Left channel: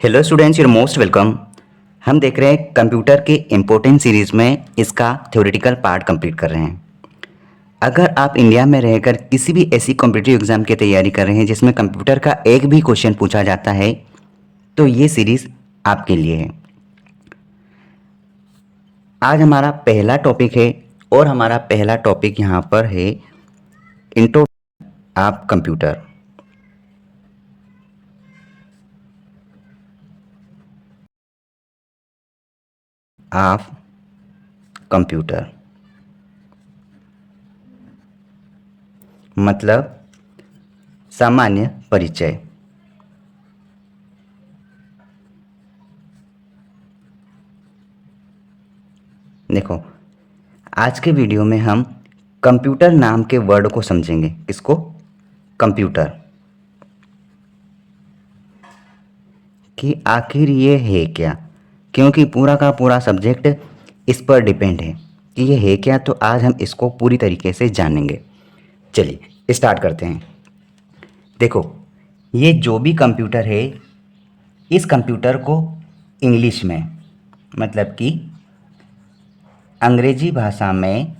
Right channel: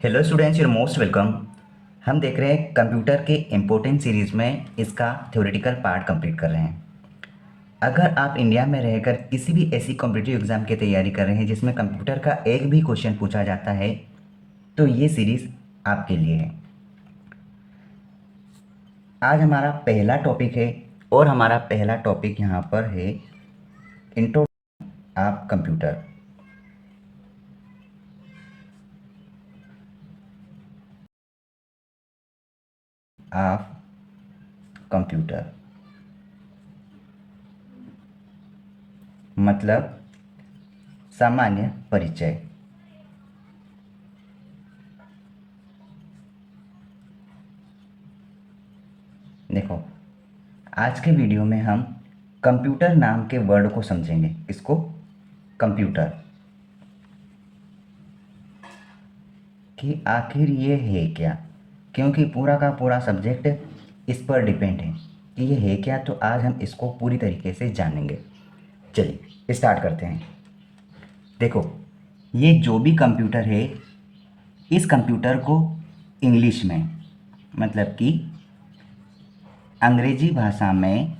Hello students, your most welcome. हम देख रहे हैं कंप्यूटर के इम्पोर्टेंट सीरीज़ में इसका थ्योरेटिकल पार्ट कंप्लीट कर रहे हैं। अगर आप इंडिया में रहकर किसी भी ऐसी कॉम्पिटिटिव एग्जाम की तैयारी कर रहे हैं जिसमें कंप्यूटर का एक भी क्वेश्चन पूछा जाता है तो ये सीरीज़ आपके लिए है। आज हमारा पहला टॉपिक है और हमारा पहला टॉपिक यहाँ पर है intro of computer. Of computer मतलब सामान्य परिचय। देखो, आज के वीडियो में हम कंप्यूटर नाम के वर्ड को समझेंगे। इसको कंप्यूटर कि आखिर ये है क्या, क्योंकि पूरा का पूरा सब्जेक्ट इस पर डिपेंड है कि ये है क्या। तो आज हम इसको पूरी तरीके से जानेंगे। चलिए स्टार्ट करते हैं। देखो, ये जो भी कंप्यूटर है, इस कंप्यूटर को इंग्लिश में मतलब कि अंग्रेजी भाषा में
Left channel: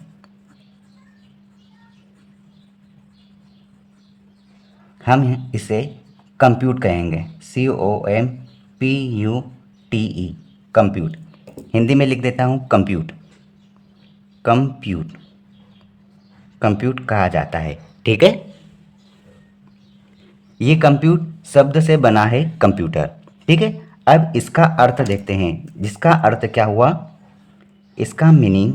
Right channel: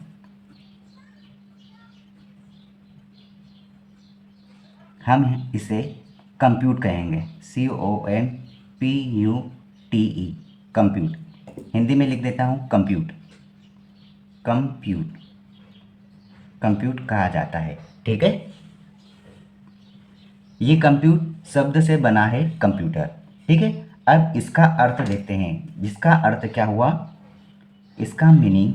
हम इसे कंप्यूट कहेंगे। COMPUTE compute. हिंदी में लिख देता हूँ कंप्यूट। कंप्यूट कंप्यूट कहा जाता है। ठीक है, ये कंप्यूट शब्द से बना है कंप्यूटर। ठीक है, अब इसका अर्थ देखते हैं। जिसका अर्थ क्या हुआ, इसका मीनिंग,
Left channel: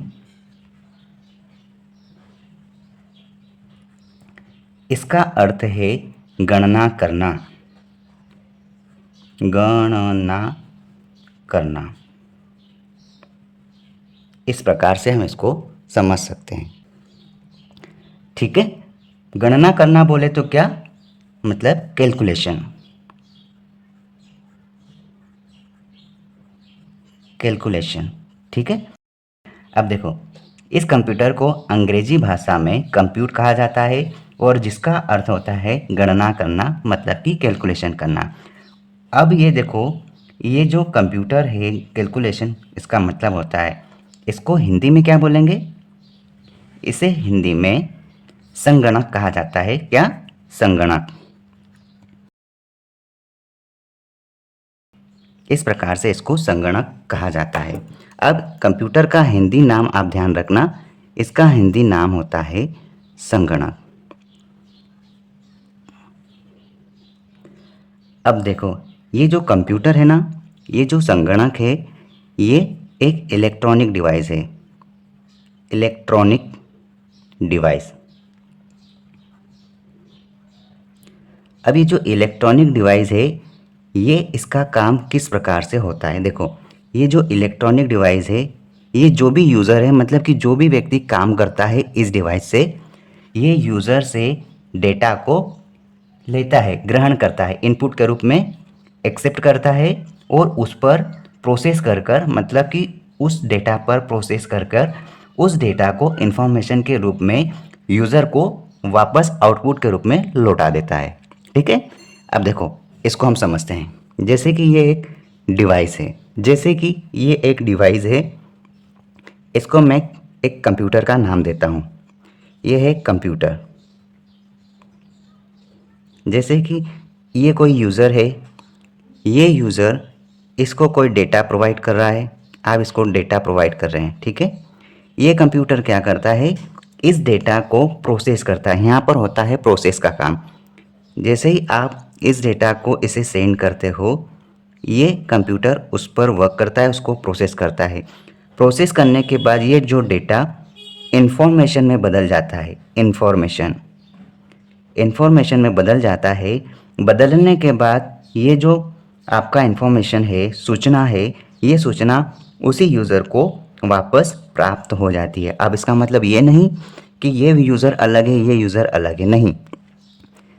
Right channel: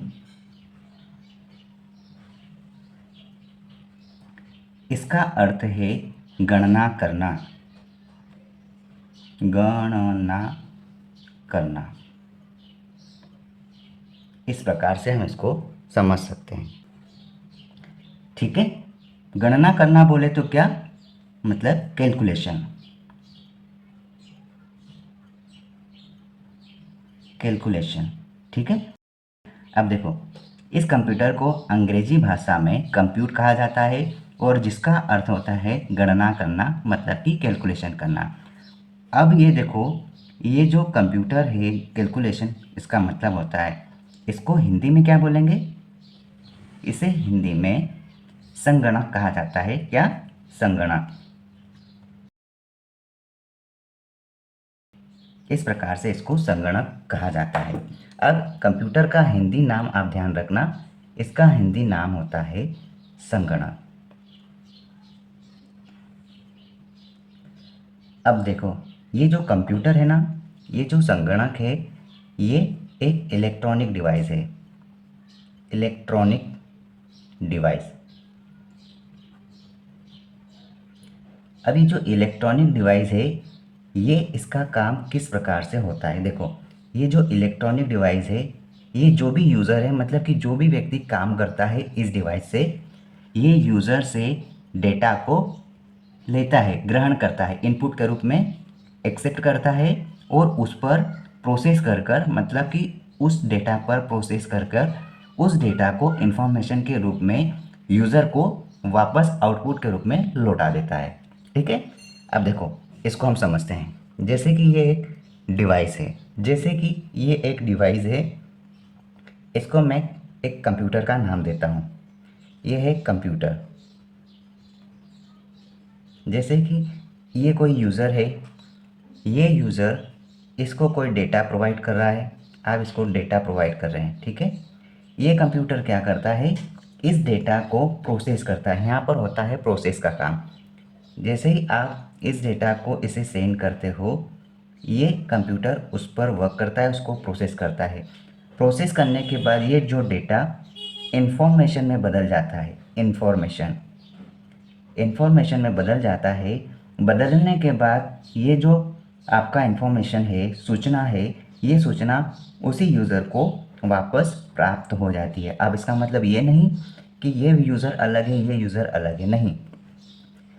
इसका अर्थ है गणना करना। गणना करना, इस प्रकार से हम इसको समझ सकते हैं। ठीक है, गणना करना बोले तो क्या मतलब कैलकुलेशन। कैलकुलेशन, ठीक है। अब देखो, इस कंप्यूटर को अंग्रेजी भाषा में कंप्यूट कहा जाता है और जिसका अर्थ होता है गणना करना, मतलब कि कैलकुलेशन करना। अब ये देखो, ये जो कंप्यूटर है, कैलकुलेशन इसका मतलब होता है, इसको हिंदी में क्या बोलेंगे? इसे हिंदी में संगणक कहा जाता है। क्या? संगणक। इस प्रकार से इसको संगणक कहा जाता है। अब कंप्यूटर का हिंदी नाम आप ध्यान रखना, इसका हिंदी नाम होता है संगणक। अब देखो, ये जो कंप्यूटर है ना, ये जो संगणक है, ये एक इलेक्ट्रॉनिक डिवाइस है। Electronic device. अब ये जो इलेक्ट्रॉनिक डिवाइस है, ये इसका काम किस प्रकार से होता है? देखो, ये जो इलेक्ट्रॉनिक डिवाइस है, ये जो भी यूज़र है, मतलब कि जो भी व्यक्ति काम करता है इस डिवाइस से, ये यूज़र से डेटा को लेता है, ग्रहण करता है, इनपुट के रूप में एक्सेप्ट करता है और उस पर प्रोसेस कर कर, मतलब कि उस डेटा पर प्रोसेस कर कर उस डेटा को इन्फॉर्मेशन के रूप में यूज़र को वापस आउटपुट के रूप में लौटा देता है। ठीक है, अब देखो इसको हम समझते हैं। जैसे कि ये एक डिवाइस है, जैसे कि ये एक डिवाइस है, इसको मैं एक कंप्यूटर का नाम देता हूँ। ये है कंप्यूटर। जैसे कि ये कोई यूज़र है, ये यूज़र इसको कोई डेटा प्रोवाइड कर रहा है, आप इसको डेटा प्रोवाइड कर रहे हैं। ठीक है, ये कंप्यूटर क्या करता है, इस डेटा को प्रोसेस करता है। यहाँ पर होता है प्रोसेस का काम। जैसे ही आप इस डेटा को इसे सेंड करते हो, ये कंप्यूटर उस पर वर्क करता है, उसको प्रोसेस करता है। प्रोसेस करने के बाद ये जो डेटा इंफॉर्मेशन में बदल जाता है। इंफॉर्मेशन में बदल जाता है। बदलने के बाद ये जो आपका इंफॉर्मेशन है, सूचना है, ये सूचना उसी यूज़र को वापस प्राप्त हो जाती है। अब इसका मतलब ये नहीं कि ये यूज़र अलग है, ये यूज़र अलग है, नहीं।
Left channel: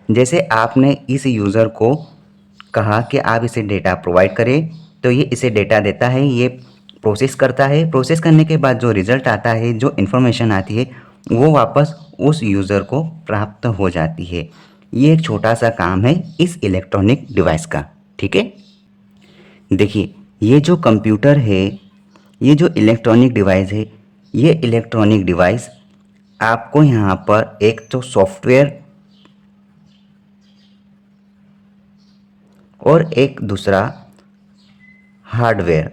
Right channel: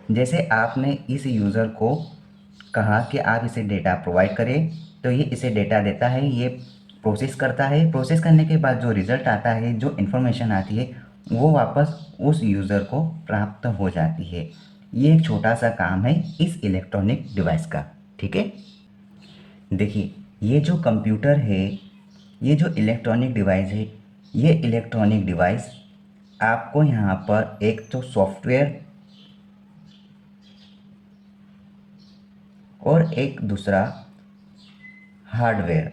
जैसे आपने इस यूज़र को कहा कि आप इसे डेटा प्रोवाइड करें, तो ये इसे डेटा देता है, ये प्रोसेस करता है। प्रोसेस करने के बाद जो रिज़ल्ट आता है, जो इन्फॉर्मेशन आती है, वो वापस उस यूज़र को प्राप्त हो जाती है। ये एक छोटा सा काम है इस इलेक्ट्रॉनिक डिवाइस का। ठीक है, देखिए, ये जो कंप्यूटर है, ये जो इलेक्ट्रॉनिक डिवाइस है, ये इलेक्ट्रॉनिक डिवाइस आपको यहाँ पर एक तो सॉफ्टवेयर और एक दूसरा हार्डवेयर,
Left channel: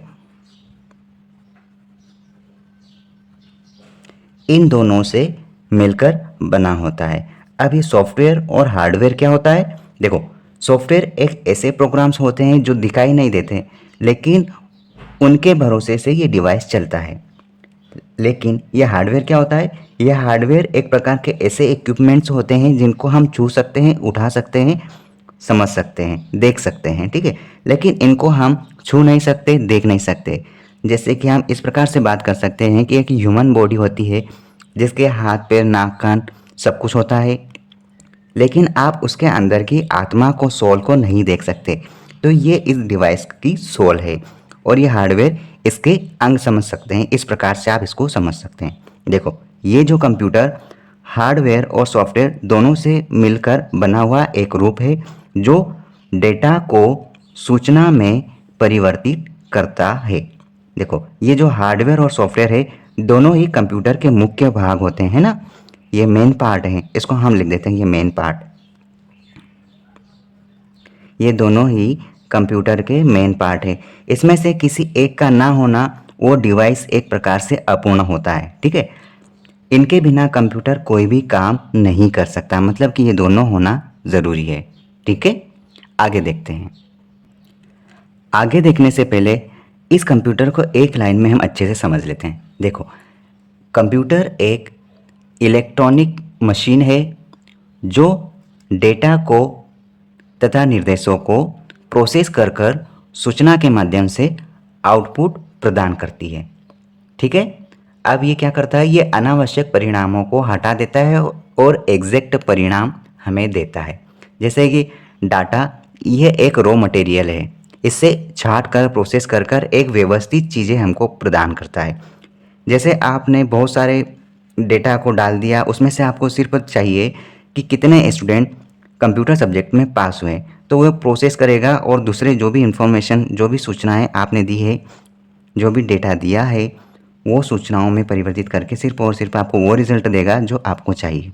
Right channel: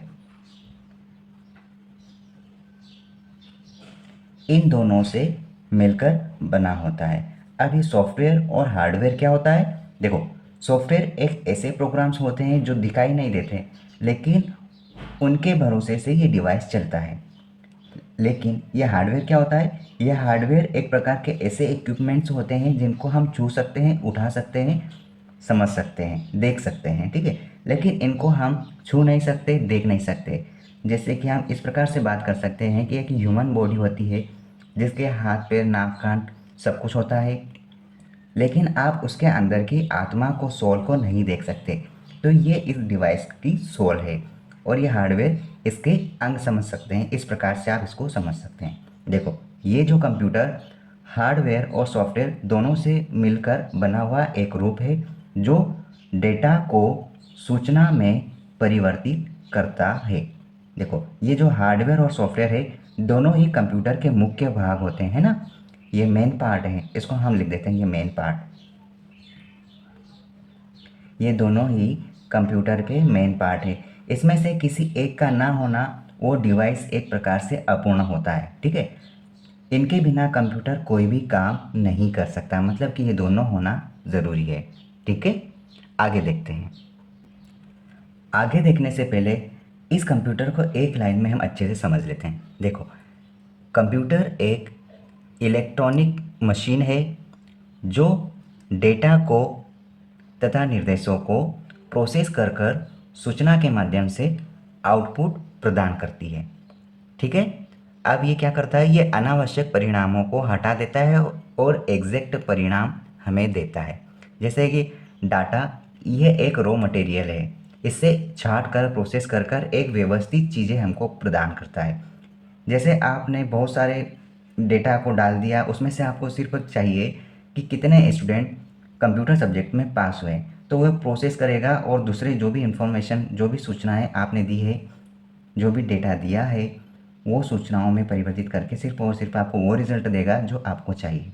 इन दोनों से मिलकर बना होता है। अब ये सॉफ्टवेयर और हार्डवेयर क्या होता है? देखो, सॉफ्टवेयर एक ऐसे प्रोग्राम्स होते हैं जो दिखाई नहीं देते, लेकिन उनके भरोसे से ये डिवाइस चलता है। लेकिन ये हार्डवेयर क्या होता है? ये हार्डवेयर एक प्रकार के ऐसे इक्विपमेंट्स होते हैं जिनको हम छू सकते हैं, उठा सकते हैं, समझ सकते हैं, देख सकते हैं, ठीक है। लेकिन इनको हम छू नहीं सकते, देख नहीं सकते। जैसे कि हम इस प्रकार से बात कर सकते हैं कि एक ह्यूमन बॉडी होती है जिसके हाथ पैर नाक कान सब कुछ होता है, लेकिन आप उसके अंदर की आत्मा को, सोल को नहीं देख सकते। तो ये इस डिवाइस की सोल है और ये हार्डवेयर इसके अंग समझ सकते हैं। इस प्रकार से आप इसको समझ सकते हैं। देखो, ये जो कंप्यूटर हार्डवेयर और सॉफ्टवेयर दोनों से मिलकर बना हुआ एक रूप है जो डेटा को सूचना में परिवर्तित करता है। देखो, ये जो हार्डवेयर और सॉफ्टवेयर है दोनों ही कंप्यूटर के मुख्य भाग होते हैं ना, ये मेन पार्ट है, इसको हम लिख देते हैं ये मेन पार्ट। ये दोनों ही कंप्यूटर के मेन पार्ट है। इसमें से किसी एक का ना होना वो डिवाइस एक प्रकार से अपूर्ण होता है, ठीक है। इनके बिना कंप्यूटर कोई भी काम नहीं कर सकता, मतलब कि ये दोनों होना ज़रूरी है, ठीक है। आगे देखते हैं। आगे देखने से पहले इस कंप्यूटर को एक लाइन में हम अच्छे से समझ लेते हैं। देखो, कंप्यूटर एक इलेक्ट्रॉनिक मशीन है जो डेटा को तथा निर्देशों को प्रोसेस कर कर सूचना के माध्यम से आउटपुट प्रदान करती है, ठीक है। अब ये क्या करता है? ये अनावश्यक परिणामों को हटा देता है और एग्जैक्ट परिणाम हमें देता है। जैसे कि डाटा, ये एक रॉ मटेरियल है, इससे छांट कर प्रोसेस कर कर एक व्यवस्थित चीज़ें हमको प्रदान करता है। जैसे आपने बहुत सारे डेटा को डाल दिया, उसमें से आपको सिर्फ चाहिए कि कितने स्टूडेंट कंप्यूटर सब्जेक्ट में पास हुए, तो वो प्रोसेस करेगा और दूसरे जो भी इंफॉर्मेशन, जो भी सूचनाएं आपने दी है, जो भी डेटा दिया है, वो सूचनाओं में परिवर्तित करके सिर्फ और सिर्फ आपको वो रिजल्ट देगा जो आपको चाहिए।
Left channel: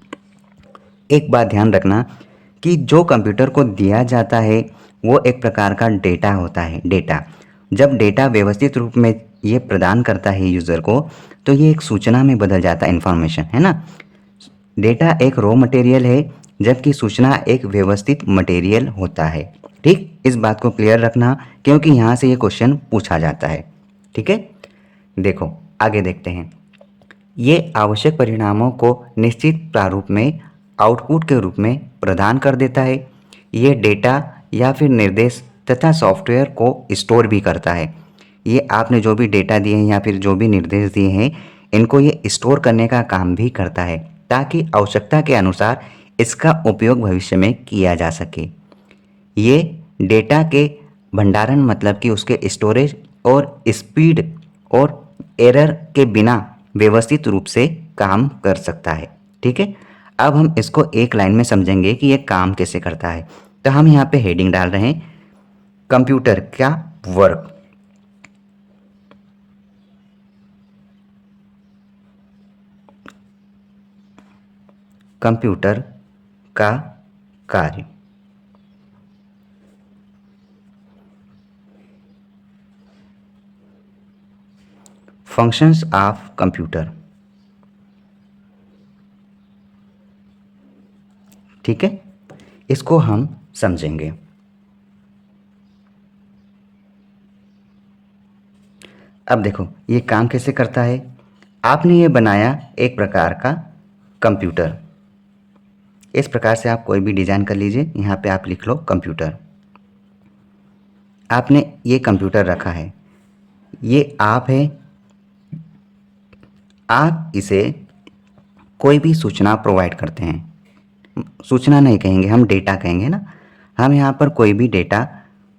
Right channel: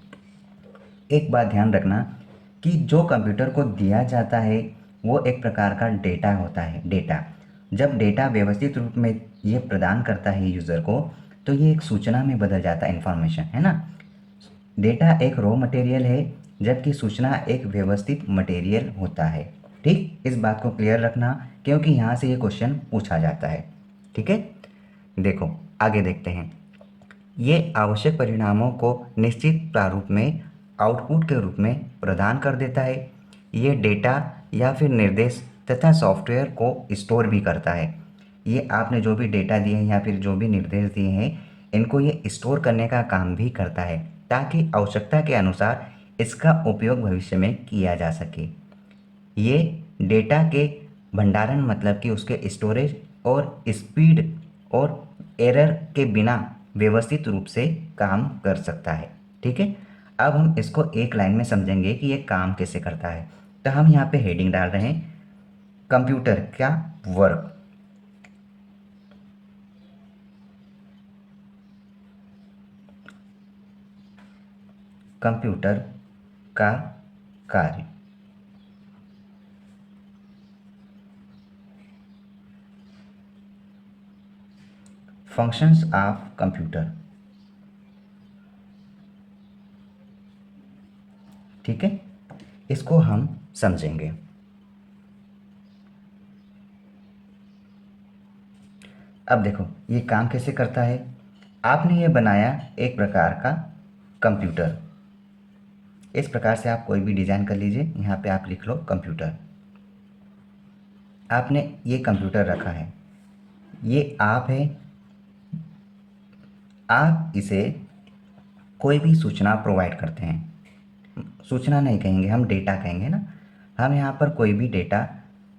एक बात ध्यान रखना कि जो कंप्यूटर को दिया जाता है वो एक प्रकार का डेटा होता है। डेटा, जब डेटा व्यवस्थित रूप में ये प्रदान करता है यूज़र को, तो ये एक सूचना में बदल जाता है, इन्फॉर्मेशन, है ना। डेटा एक रॉ मटेरियल है जबकि सूचना एक व्यवस्थित मटेरियल होता है, ठीक। इस बात को क्लियर रखना क्योंकि यहाँ से ये क्वेश्चन पूछा जाता है, ठीक है। देखो, आगे देखते हैं। ये आवश्यक परिणामों को निश्चित प्रारूप में आउटपुट के रूप में प्रदान कर देता है। ये डेटा या फिर निर्देश तथा सॉफ्टवेयर को स्टोर भी करता है। ये आपने जो भी डेटा दिए हैं या फिर जो भी निर्देश दिए हैं, इनको ये स्टोर करने का काम भी करता है ताकि आवश्यकता के अनुसार इसका उपयोग भविष्य में किया जा सके। ये डेटा के भंडारण, मतलब कि उसके स्टोरेज और स्पीड और एरर के बिना व्यवस्थित रूप से काम कर सकता है, ठीक है। अब हम इसको एक लाइन में समझेंगे कि ये काम कैसे करता है। तो हम यहाँ पे हेडिंग डाल रहे हैं, कंप्यूटर का वर्क। कंप्यूटर का कार्य। फंक्शंस ऑफ कंप्यूटर, ठीक है। इसको हम समझेंगे। अब देखो, ये काम कैसे करता है। आपने ये बनाया एक प्रकार का कंप्यूटर। इस प्रकार से आप कोई भी डिज़ाइन कर लीजिए, यहाँ पे आप लिख लो कंप्यूटर। आपने ये कंप्यूटर रखा है, ये आप है। आप इसे कोई भी सूचना प्रोवाइड करते हैं, सूचना नहीं कहेंगे, हम डेटा कहेंगे ना। हम यहाँ पर कोई भी डेटा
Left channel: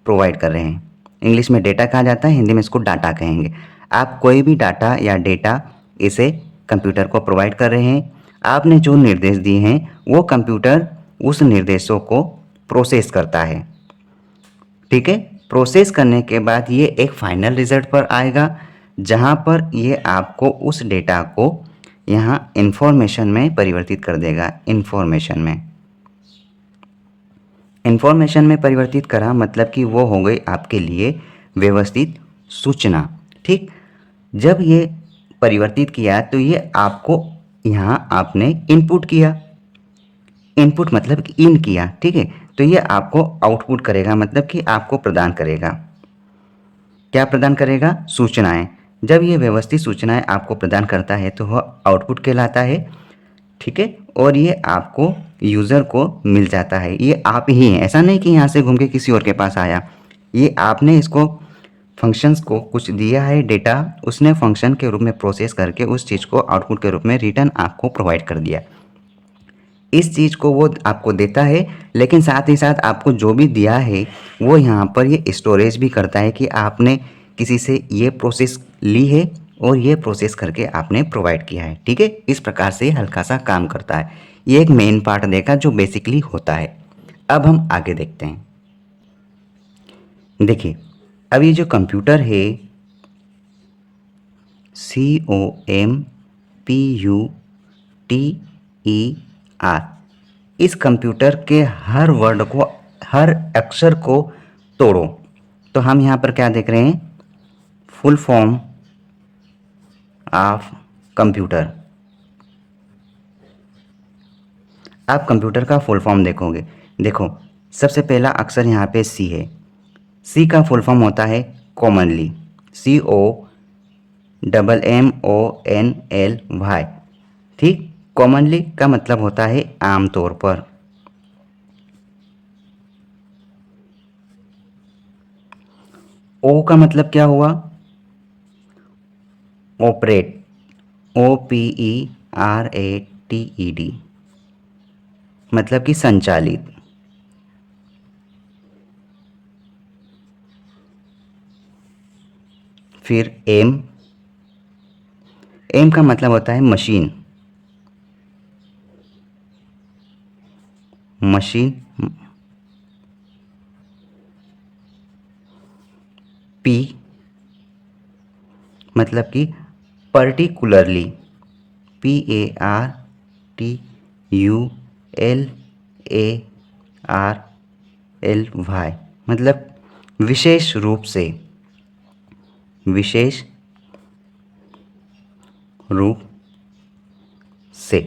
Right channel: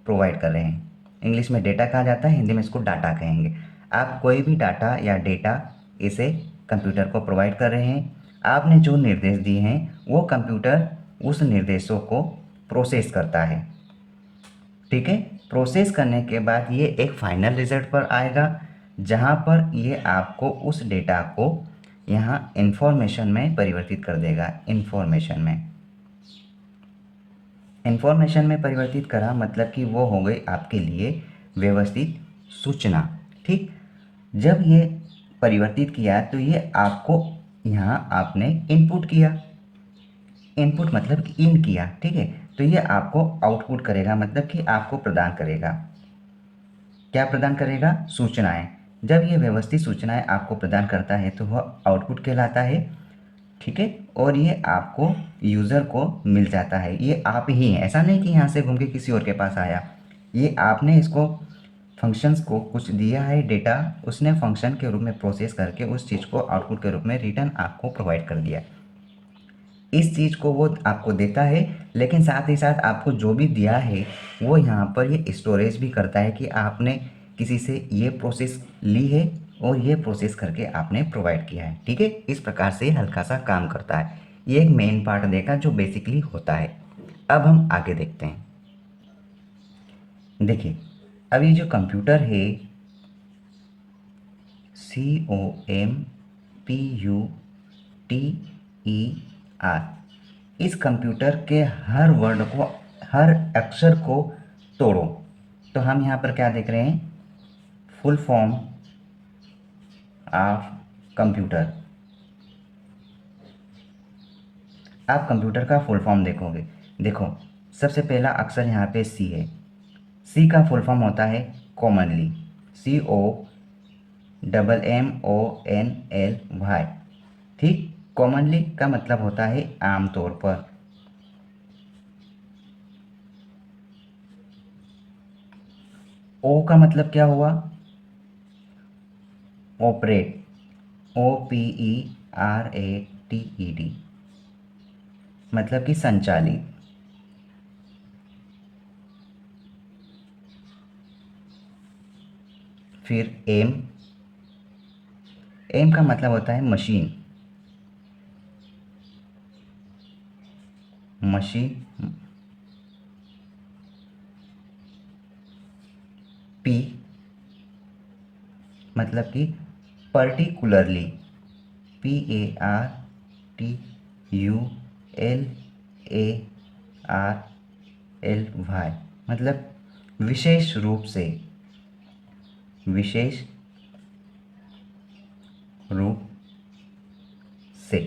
प्रोवाइड कर रहे हैं। इंग्लिश में डेटा कहा जाता है, हिंदी में इसको डाटा कहेंगे। आप कोई भी डाटा या डेटा इसे कंप्यूटर को प्रोवाइड कर रहे हैं। आपने जो निर्देश दिए हैं वो कंप्यूटर उस निर्देशों को प्रोसेस करता है, ठीक है। प्रोसेस करने के बाद ये एक फाइनल रिजल्ट पर आएगा, जहाँ पर ये आपको उस डेटा को यहाँ इंफॉर्मेशन में परिवर्तित कर देगा। इंफॉर्मेशन में परिवर्तित करा मतलब कि वो हो गई आपके लिए व्यवस्थित सूचना। ठीक, जब ये परिवर्तित किया तो ये आपको यहाँ आपने इनपुट किया। इनपुट मतलब कि इन किया, ठीक है, तो ये आपको आउटपुट करेगा, मतलब कि आपको प्रदान करेगा। क्या प्रदान करेगा? सूचनाएं। जब ये व्यवस्थित सूचनाएं आपको प्रदान करता है तो वह आउटपुट कहलाता है। ठीक है, और ये आपको यूज़र को मिल जाता है। ये आप ही हैं, ऐसा नहीं कि यहाँ से घूम के किसी और के पास आया। ये आपने इसको फंक्शंस को कुछ दिया है डेटा, उसने फंक्शन के रूप में प्रोसेस करके उस चीज़ को आउटपुट के रूप में रिटर्न आपको प्रोवाइड कर दिया। इस चीज़ को वो आपको देता है, लेकिन साथ ही साथ आपको जो भी दिया है वो यहाँ पर ये स्टोरेज भी करता है कि आपने किसी से ये प्रोसेस ली है और ये प्रोसेस करके आपने प्रोवाइड किया है। ठीक है, इस प्रकार से हल्का सा काम करता है। ये एक मेन पार्ट देखा जो बेसिकली होता है। अब हम आगे देखते हैं। देखिए, अब ये जो कंप्यूटर है COMPUTER, इस कंप्यूटर के हर वर्ड को, हर अक्षर को तोड़ो तो हम यहाँ पर क्या देख रहे हैं? Full form of computer. आप कंप्यूटर का फुल फॉर्म देखोगे, देखो सबसे पहला अक्षर यहाँ पे सी है। सी का फुल फॉर्म होता है कॉमनली, COMMONLY। ठीक, कॉमनली का मतलब होता है आमतौर पर। ओ का मतलब क्या हुआ? ऑपरेट, OPERATED, मतलब कि संचालित। फिर एम, एम का मतलब होता है मशीन, मशीन। पी मतलब कि पर्टिकुलरली, PARTICULARLY, मतलब विशेष रूप से, विशेष रूप से।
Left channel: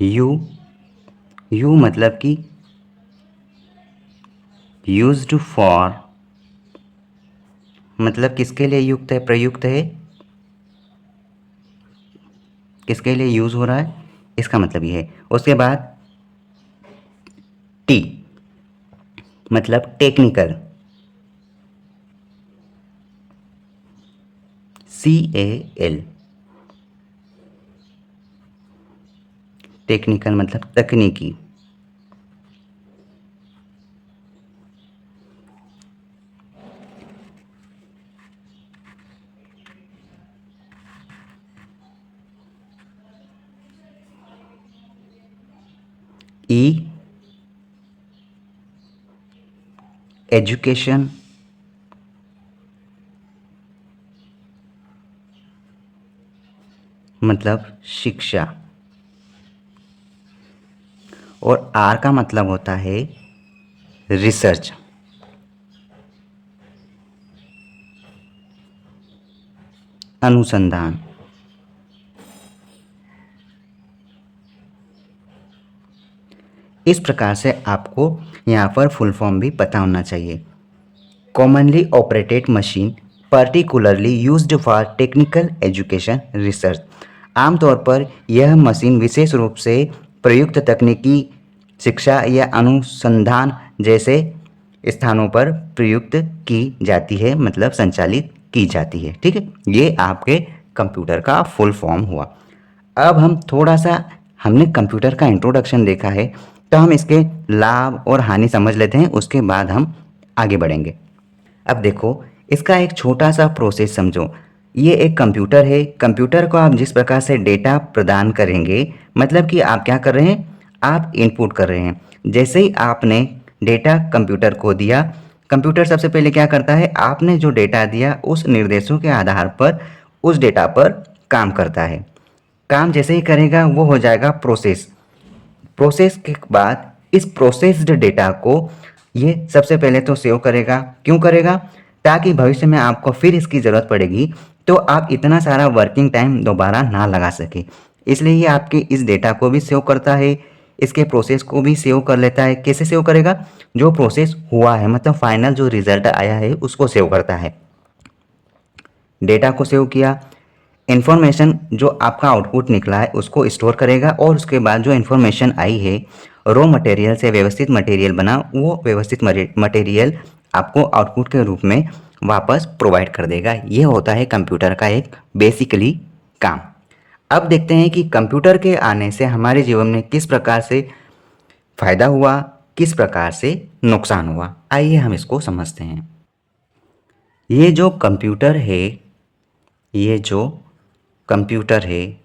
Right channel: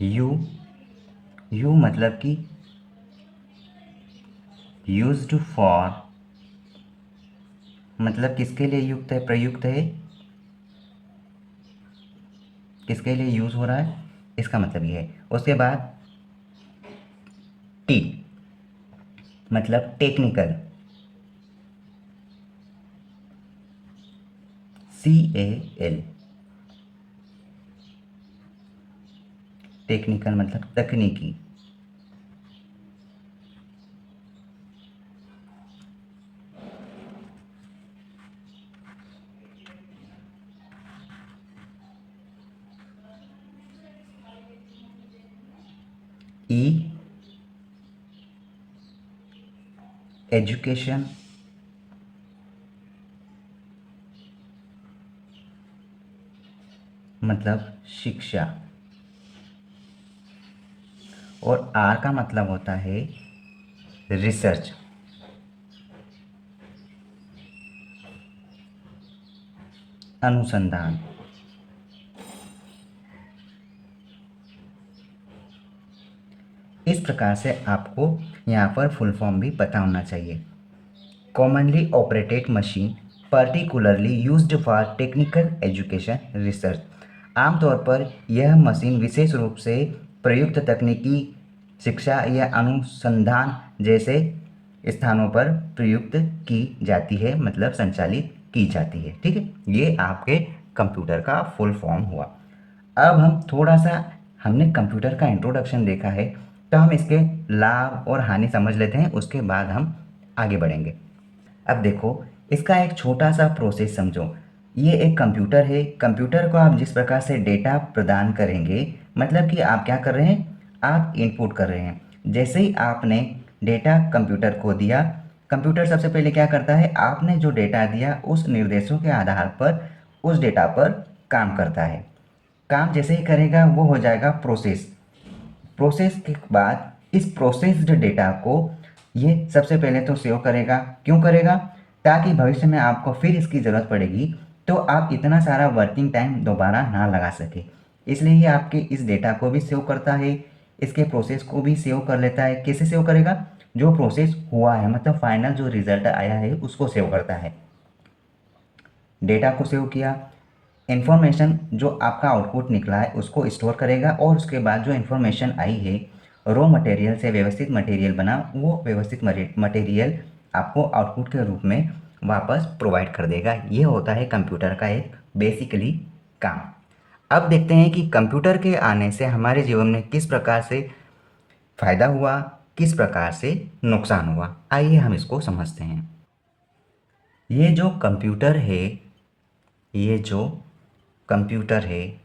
यू, यू मतलब कि यूज्ड फॉर, मतलब किसके लिए युक्त है, प्रयुक्त है, किसके लिए यूज हो रहा है, इसका मतलब ये है। उसके बाद टी मतलब टेक्निकल, CAL, टेक्निकल मतलब तकनीकी। ई, एजुकेशन, मतलब शिक्षा। और आर का मतलब होता है रिसर्च, अनुसंधान। इस प्रकार से आपको यहाँ पर फुल फॉर्म भी पता होना चाहिए। Commonly operated machine, particularly used for technical education research. आमतौर पर यह मशीन विशेष रूप से प्रयुक्त तकनीकी शिक्षा या अनुसंधान जैसे स्थानों पर प्रयुक्त की जाती है, मतलब संचालित की जाती है। ठीक है, ये आपके कंप्यूटर का फुल फॉर्म हुआ। अब हम थोड़ा सा, हमने कंप्यूटर का इंट्रोडक्शन देखा है, तो हम इसके लाभ और हानि समझ लेते हैं, उसके बाद हम आगे बढ़ेंगे। अब देखो, इसका एक छोटा सा प्रोसेस समझो। ये एक कंप्यूटर है। कंप्यूटर को आप जिस प्रकार से डेटा प्रदान करेंगे, मतलब कि आप क्या कर रहे हैं, आप इनपुट कर रहे हैं। जैसे ही आपने डेटा कंप्यूटर को दिया, कंप्यूटर सबसे पहले क्या करता है, आपने जो डेटा दिया उस निर्देशों के आधार पर उस डेटा पर काम करता है। काम जैसे ही करेगा वो हो जाएगा प्रोसेस। प्रोसेस के बाद इस प्रोसेस्ड डेटा को ये सबसे पहले तो सेव करेगा। क्यों करेगा, ताकि भविष्य में आपको फिर इसकी ज़रूरत पड़ेगी तो आप इतना सारा वर्किंग टाइम दोबारा ना लगा सके। इसलिए ये आपके इस डेटा को भी सेव करता है, इसके प्रोसेस को भी सेव कर लेता है। कैसे सेव करेगा, जो प्रोसेस हुआ है, मतलब फाइनल जो रिजल्ट आया है उसको सेव करता है। डेटा को सेव किया, इन्फॉर्मेशन जो आपका आउटपुट निकला है उसको स्टोर करेगा, और उसके बाद जो इन्फॉर्मेशन आई है रॉ मटेरियल से व्यवस्थित मटेरियल बना, वो व्यवस्थित मटेरियल आपको आउटपुट के रूप में वापस प्रोवाइड कर देगा। ये होता है कंप्यूटर का एक बेसिकली काम। अब देखते हैं कि कंप्यूटर के आने से हमारे जीवन में किस प्रकार से फ़ायदा हुआ, किस प्रकार से नुकसान हुआ। आइए हम इसको समझते हैं। ये जो कंप्यूटर है, ये जो कंप्यूटर है,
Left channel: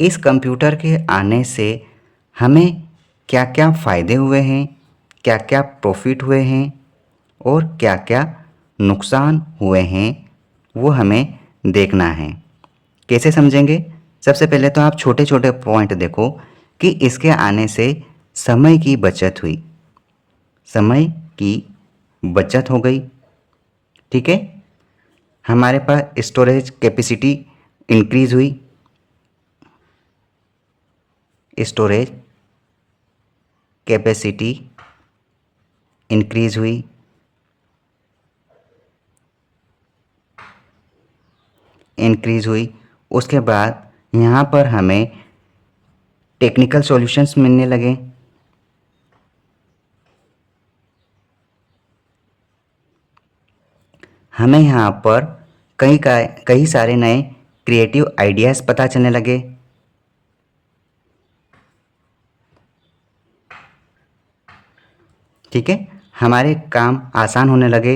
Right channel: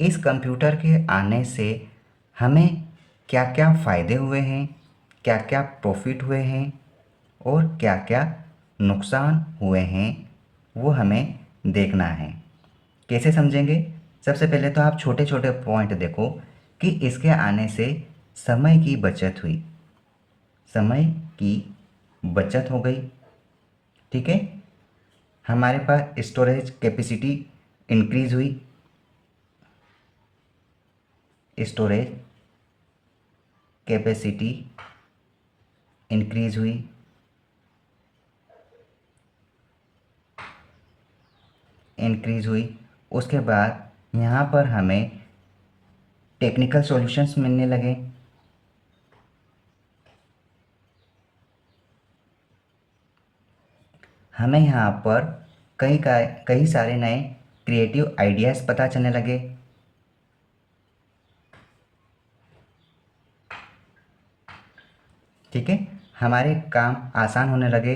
इस कंप्यूटर के आने से हमें क्या क्या फ़ायदे हुए हैं, क्या क्या प्रॉफिट हुए हैं और क्या क्या नुकसान हुए हैं, वो हमें देखना है। कैसे समझेंगे, सबसे पहले तो आप छोटे छोटे पॉइंट देखो कि इसके आने से समय की बचत हुई, समय की बचत हो गई। ठीक है, हमारे पास स्टोरेज कैपेसिटी इंक्रीज हुई, स्टोरेज कैपेसिटी इंक्रीज हुई। उसके बाद यहाँ पर हमें टेक्निकल सॉल्यूशंस मिलने लगे। हमें यहाँ पर कई सारे नए क्रिएटिव आइडियाज़ पता चलने लगे। ठीक है, हमारे काम आसान होने लगे,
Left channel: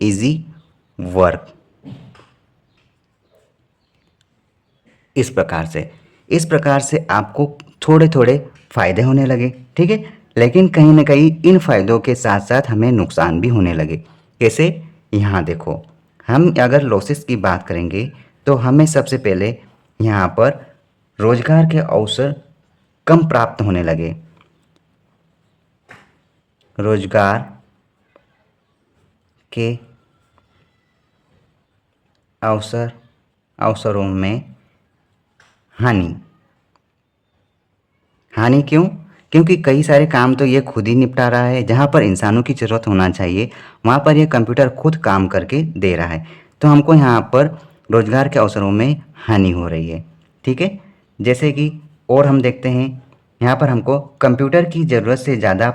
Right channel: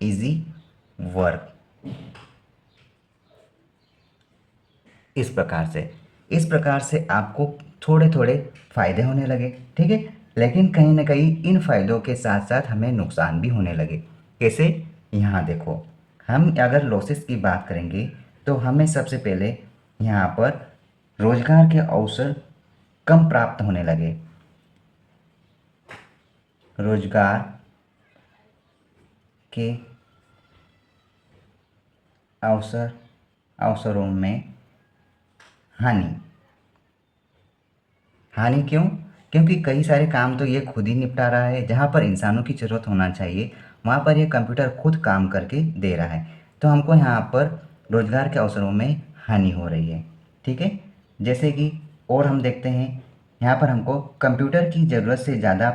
इजी वर्क। इस प्रकार से आपको थोड़े थोड़े फ़ायदे होने लगे। ठीक है, लेकिन कहीं ना कहीं इन फ़ायदों के साथ साथ हमें नुकसान भी होने लगे। कैसे, यहाँ देखो, हम अगर लॉसेस की बात करेंगे तो हमें सबसे पहले यहाँ पर रोजगार के अवसर कम प्राप्त होने लगे। रोजगार के अवसरों में हानि। क्यों, क्योंकि कई सारे काम तो ये खुद ही निपटा रहा है। जहाँ पर इंसानों की ज़रूरत होना चाहिए वहाँ पर ये कंप्यूटर खुद काम करके दे रहा है, तो हमको यहाँ पर रोजगार के अवसरों में हानि हो रही है। ठीक है, जैसे कि और हम देखते हैं यहाँ पर हमको कंप्यूटर की ज़रूरत से ज़्यादा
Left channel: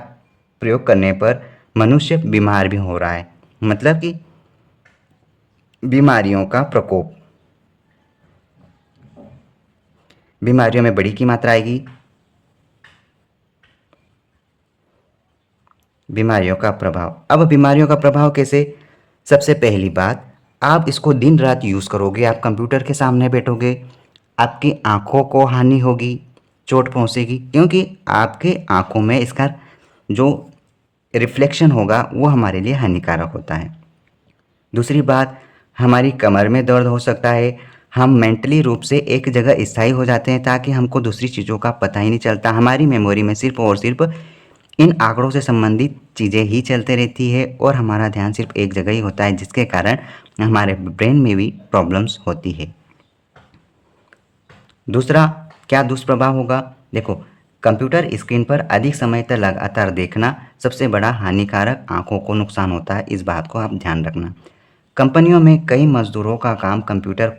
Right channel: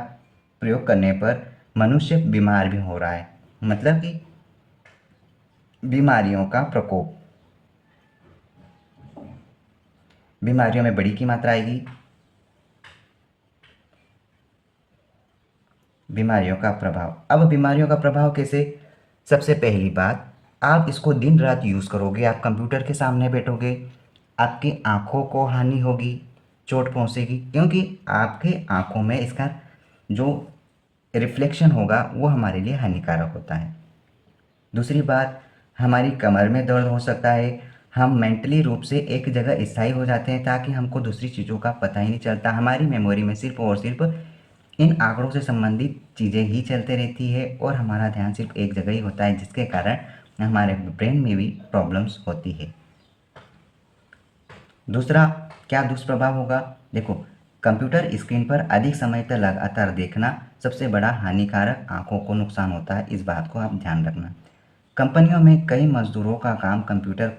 प्रयोग करने पर मनुष्य बीमार भी हो रहा है, मतलब कि बीमारियों का प्रकोप, बीमारियों में बड़ी की मात्रा आएगी। बीमारियों का प्रभाव, अब बीमारियों का प्रभाव कैसे, सबसे पहली बात, आप इसको दिन रात यूज़ करोगे, आप कंप्यूटर के सामने बैठोगे, आपकी आँखों को हानि होगी, चोट पहुँचेगी, क्योंकि आपके आँखों में इसका जो रिफ्लेक्शन होगा वो हमारे लिए हानिकारक होता है। दूसरी बात, हमारी कमर में दर्द हो सकता है, हम मेंटली रूप से एक जगह स्थायी हो जाते हैं ताकि हमको दूसरी चीज़ों का पता ही नहीं चलता। हमारी मेमोरी में सिर्फ और सिर्फ इन आंकड़ों से संबंधित चीज़ें ही चलते रहती है और हमारा ध्यान सिर्फ एक जगह ही होता है, जिसके कारण हमारे ब्रेन में भी प्रॉब्लम्स होती है। दूसरा क्या दुष्प्रभाव होगा, देखो, कंप्यूटर स्क्रीन पर अधिक समय तक लगातार देखना सबसे बड़ा हानिकारक, आंखों को नुकसान होता है, इस बात को आप ध्यान रखना। कंपनियों में कई मजदूरों का काम कंप्यूटर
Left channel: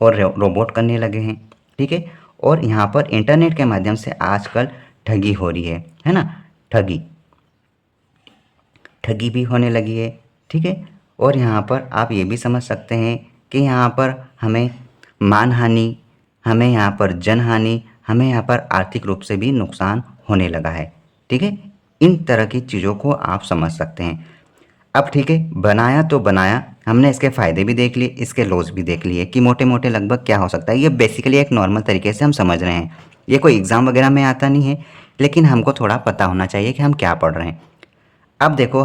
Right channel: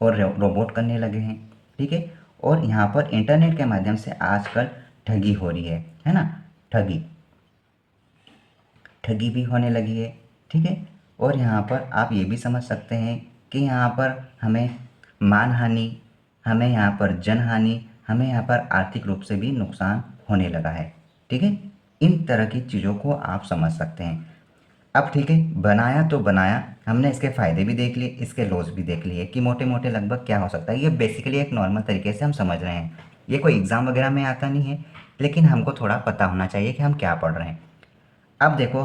और रोबोट करने लगे हैं। ठीक है, और यहाँ पर इंटरनेट के माध्यम से आजकल ठगी हो रही है ना, ठगी भी होने लगी है। ठीक है, और यहाँ पर आप ये भी समझ सकते हैं कि यहाँ पर हमें मानहानि, हमें यहाँ पर जनहानि, हमें यहाँ पर आर्थिक रूप से भी नुकसान होने लगा है। ठीक है, इन तरह की चीज़ों को आप समझ सकते हैं। अब ठीक है, बनाया तो बनाया, हमने इसके फ़ायदे भी देख लिए, इसके लॉस भी देख लिए कि मोटे मोटे लगभग क्या हो सकता है। ये बेसिकली एक नॉर्मल तरीके से हम समझ रहे हैं, ये कोई एग्ज़ाम वगैरह में आता नहीं है, लेकिन हमको थोड़ा पता होना चाहिए कि हम क्या पढ़ रहे हैं। अब देखो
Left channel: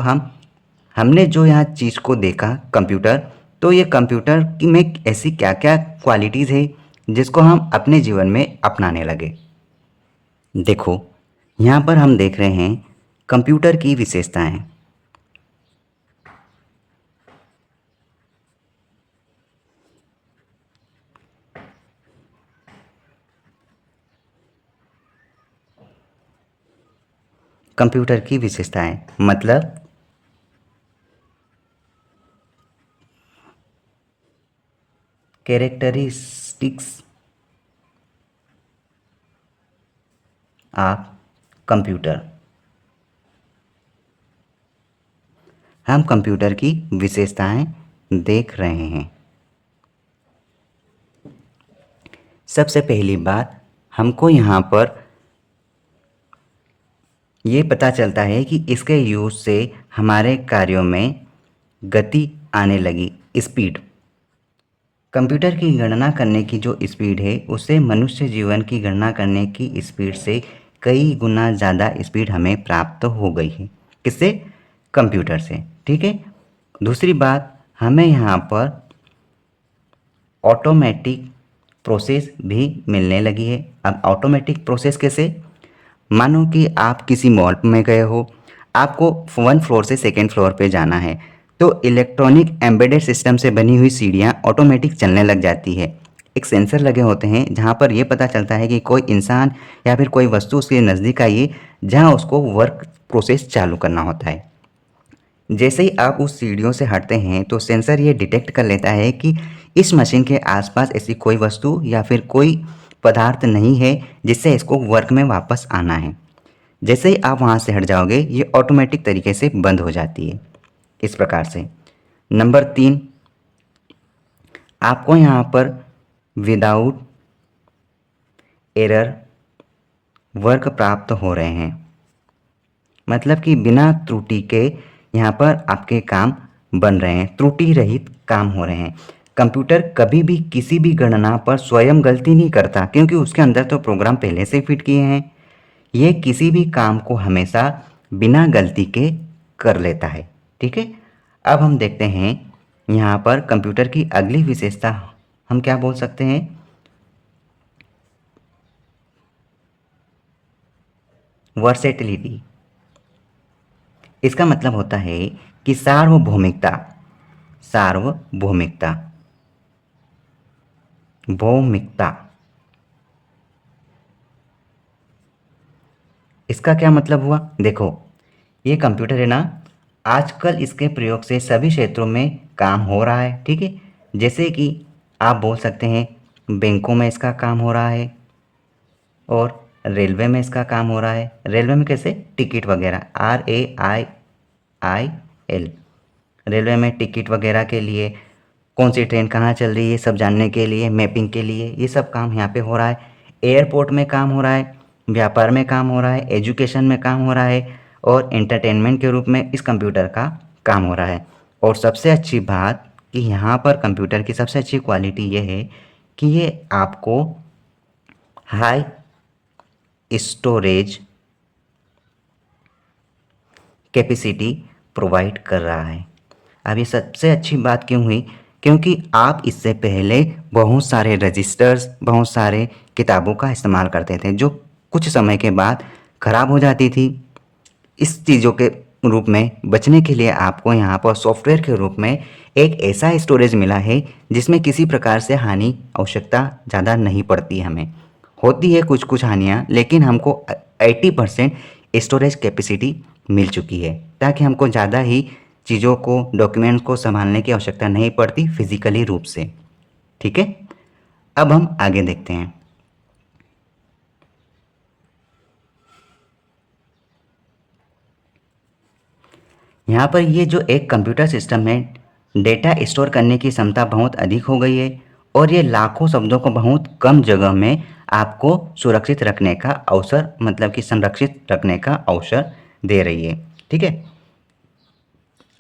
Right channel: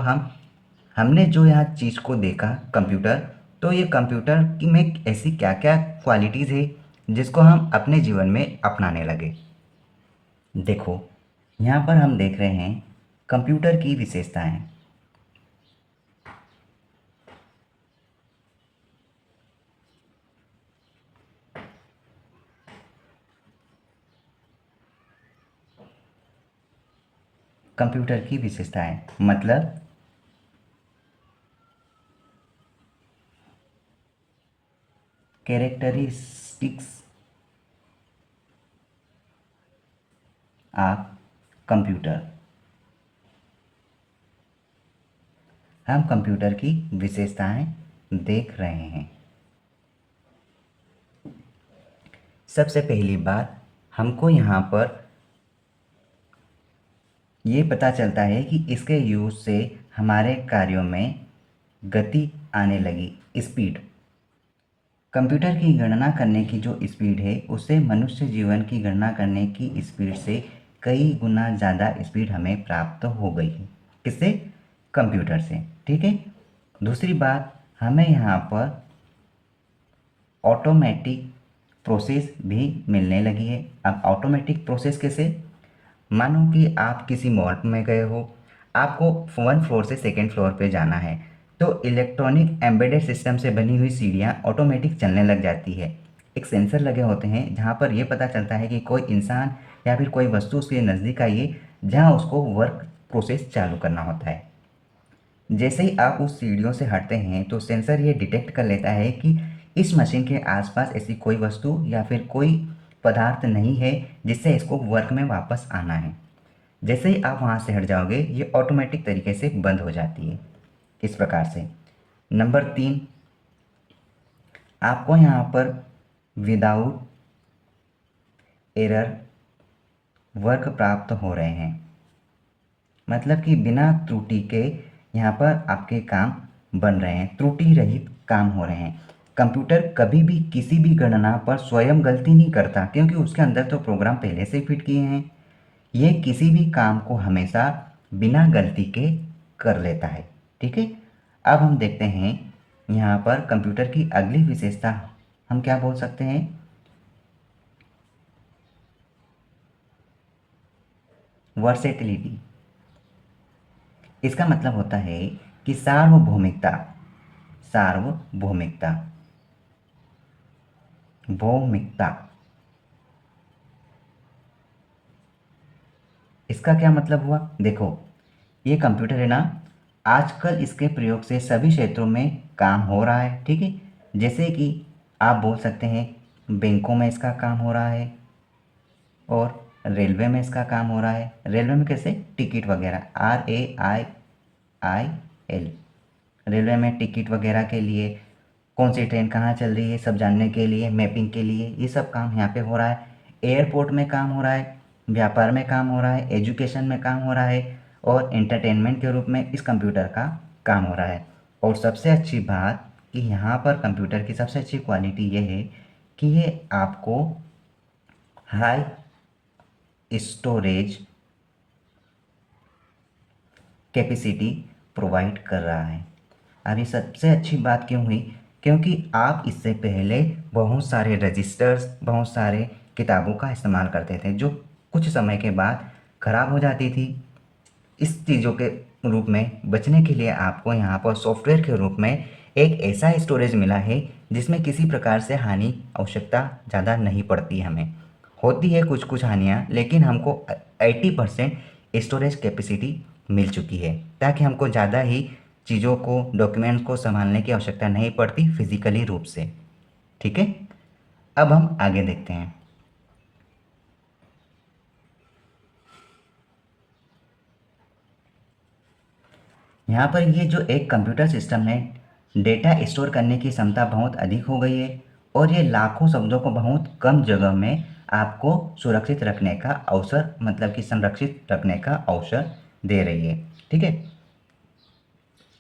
हमने जो यहाँ चीज़ को देखा कंप्यूटर, तो ये कंप्यूटर की में ऐसी क्या क्या क्वालिटीज़ है जिसको हम अपने जीवन में अपनाने लगे। देखो यहाँ पर हम देख रहे हैं कंप्यूटर की विशेषताएं। कंप्यूटर की विशेषताएं मतलब कैरेक्टरिस्टिक्स ऑफ कंप्यूटर। हम कंप्यूटर की विशेषताएं देख रहे हैं। सबसे पहली बात हमको यहाँ पर ये पता चलता है कि इसके यूज़ से हमारे कार्यों में गति आने लगी, स्पीड। कंप्यूटर की गणना करने की जो स्पीड है उससे मनुष्य जीवन की गणना करने की स्पीड से कई गुना ज़्यादा स्पीड हमें प्राप्त हो गई है। किससे? कंप्यूटर से। ठीक है। दूसरी बात, हमें यहाँ पर ऑटोमेटिक प्रोसेस भी मिलने लगी है। अब ऑटोमेटिक प्रोसेस कैसे? मानो कि आप किसी मॉल में गए हो, आपको 1 फ्लोर से 2nd फ्लोर पे जाना है, तो इलेक्ट्रॉनिक एम्बेडेड सिस्टम से बनी हुई सीढ़ियाँ ऑटोमेटिक चलने लग जाती है। एक सेंसर लगे होते हैं जहाँ पर यह पता चलता है कि कोई इंसान या फिर कोई वस्तु उसके नज़दीक आई है, जहाँ उसको वर्क प्रोसेस चालू करना होता है। जैसे ही आप उस सीढ़ियों से हटते हैं तो सेंसर ये डिटेक्ट कर लेता है कि इस मशीन के आसपास ऐसी कोई वस्तु या फिर कोई पदार्थ नहीं है जिससे इसको वर्क में वापस आना है। जैसे ही आप वहाँ से हट जाओगे ये ऑटोमेटिक तरीके से बंद हो जाती है। इस प्रकार से। नंबर 3, आपको यहाँ पर विदाउट एरर वर्क प्राप्त हो रहे हैं, मतलब कि बिना त्रुटि के यहाँ पर आपके काम बन रहे हैं, त्रुटि रहित काम हो रहे हैं। कंप्यूटर कभी भी किसी भी गणना पर स्वयं गलती नहीं करता, क्योंकि उसके अंदर तो प्रोग्राम पहले से फिट किए हैं। ये किसी भी काम को हमेशा बिना गलती के कर लेता है। ठीक है। अब हम देखते हैं यहाँ पर कंप्यूटर की अगली विशेषता हम क्या बोल सकते हैं? वर्सेटिलिटी। इसका मतलब होता है कि सार्वभौमिकता। सार्वभौमिकता, भौमिकता। इसका क्या मतलब हुआ? देखो ये कंप्यूटर है ना, आजकल इसके प्रयोग से सभी क्षेत्रों में काम हो रहा है। ठीक है। जैसे कि आप बोल सकते हैं बैंकों में इसका काम हो रहा है, और रेलवे में इसका काम हो रहा है। रेलवे में कैसे? टिकट वगैरह, RAIIL। रेलवे में टिकट वगैरह के लिए, कौन सी ट्रेन कहाँ चल रही है सब जानने के लिए, मैपिंग के लिए, ये सब काम यहाँ पे हो रहा है। एयरपोर्ट में काम हो रहा है, व्यापार में काम हो रहा है, एजुकेशन में काम हो रहा है, और एंटरटेनमेंट के रूप में इस कंप्यूटर का काम हो रहा है। और सबसे अच्छी बात कि यहाँ पर कंप्यूटर की सबसे अच्छी क्वालिटी ये है कि ये आपको हाई स्टोरेज कैपेसिटी प्रोवाइड कर रहा है। अब ये सबसे अच्छी बात क्यों हुई? क्योंकि आप इससे पहले बहुत सारे रजिस्टर्स, बहुत सारे किताबों का इस्तेमाल करते थे जो कुछ समय के बाद ख़राब हो जाती थी। इस चीज़ों के रूप में बचने के लिए आपको यहाँ पर सॉफ्टवेयर के रूप में एक ऐसा स्टोरेज मिला है जिसमें किसी प्रकार से हानि आवश्यकता ज़्यादा नहीं पड़ती हमें। होती है कुछ कुछ हानियाँ, लेकिन हमको 80% स्टोरेज कैपेसिटी मिल चुकी है, ताकि हमको ज़्यादा ही चीज़ों को, डॉक्यूमेंट्स को संभालने की आवश्यकता नहीं पड़ती फिजिकली रूप से। ठीक है। अब हम आगे देखते हैं। यहाँ पर ये जो एक कंप्यूटर सिस्टम है, डेटा स्टोर करने की क्षमता बहुत अधिक हो गई है, और ये लाखों शब्दों को बहुत कम जगह में आपको सुरक्षित रखने का अवसर, मतलब कि संरक्षित रखने का अवसर दे रही है। ठीक है।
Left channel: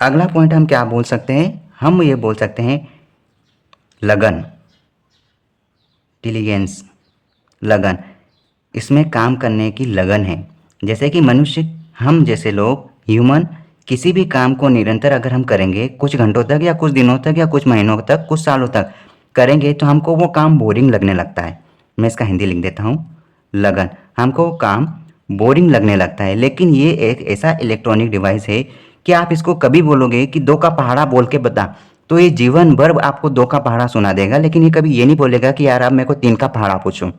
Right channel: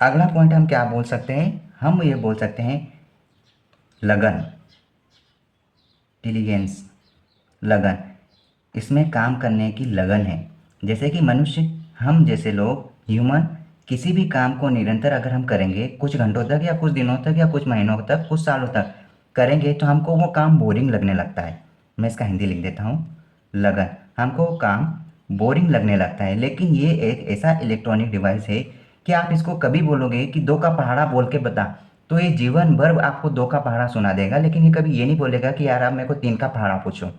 अगला पॉइंट हम क्या बोल सकते हैं? हम ये बोल सकते हैं लगन, डिलीजेंस, लगन, इसमें काम करने की लगन है। जैसे कि मनुष्य, हम जैसे लोग ह्यूमन किसी भी काम को निरंतर अगर हम करेंगे कुछ घंटों तक या कुछ दिनों तक या कुछ महीनों तक कुछ सालों तक करेंगे तो हमको वो काम बोरिंग लगने लगता है। मैं इसका हिंदी लिख देता हूँ, लगन, हमको वो काम बोरिंग लगने लगता है। लेकिन ये एक ऐसा इलेक्ट्रॉनिक डिवाइस है कि आप इसको कभी बोलोगे कि दो का पहाड़ा बोल के बता, तो ये जीवन भर आपको दो का पहाड़ा सुना देगा, लेकिन ये कभी ये नहीं बोलेगा कि यार आप मेरे को तीन का पहाड़ा पूछो।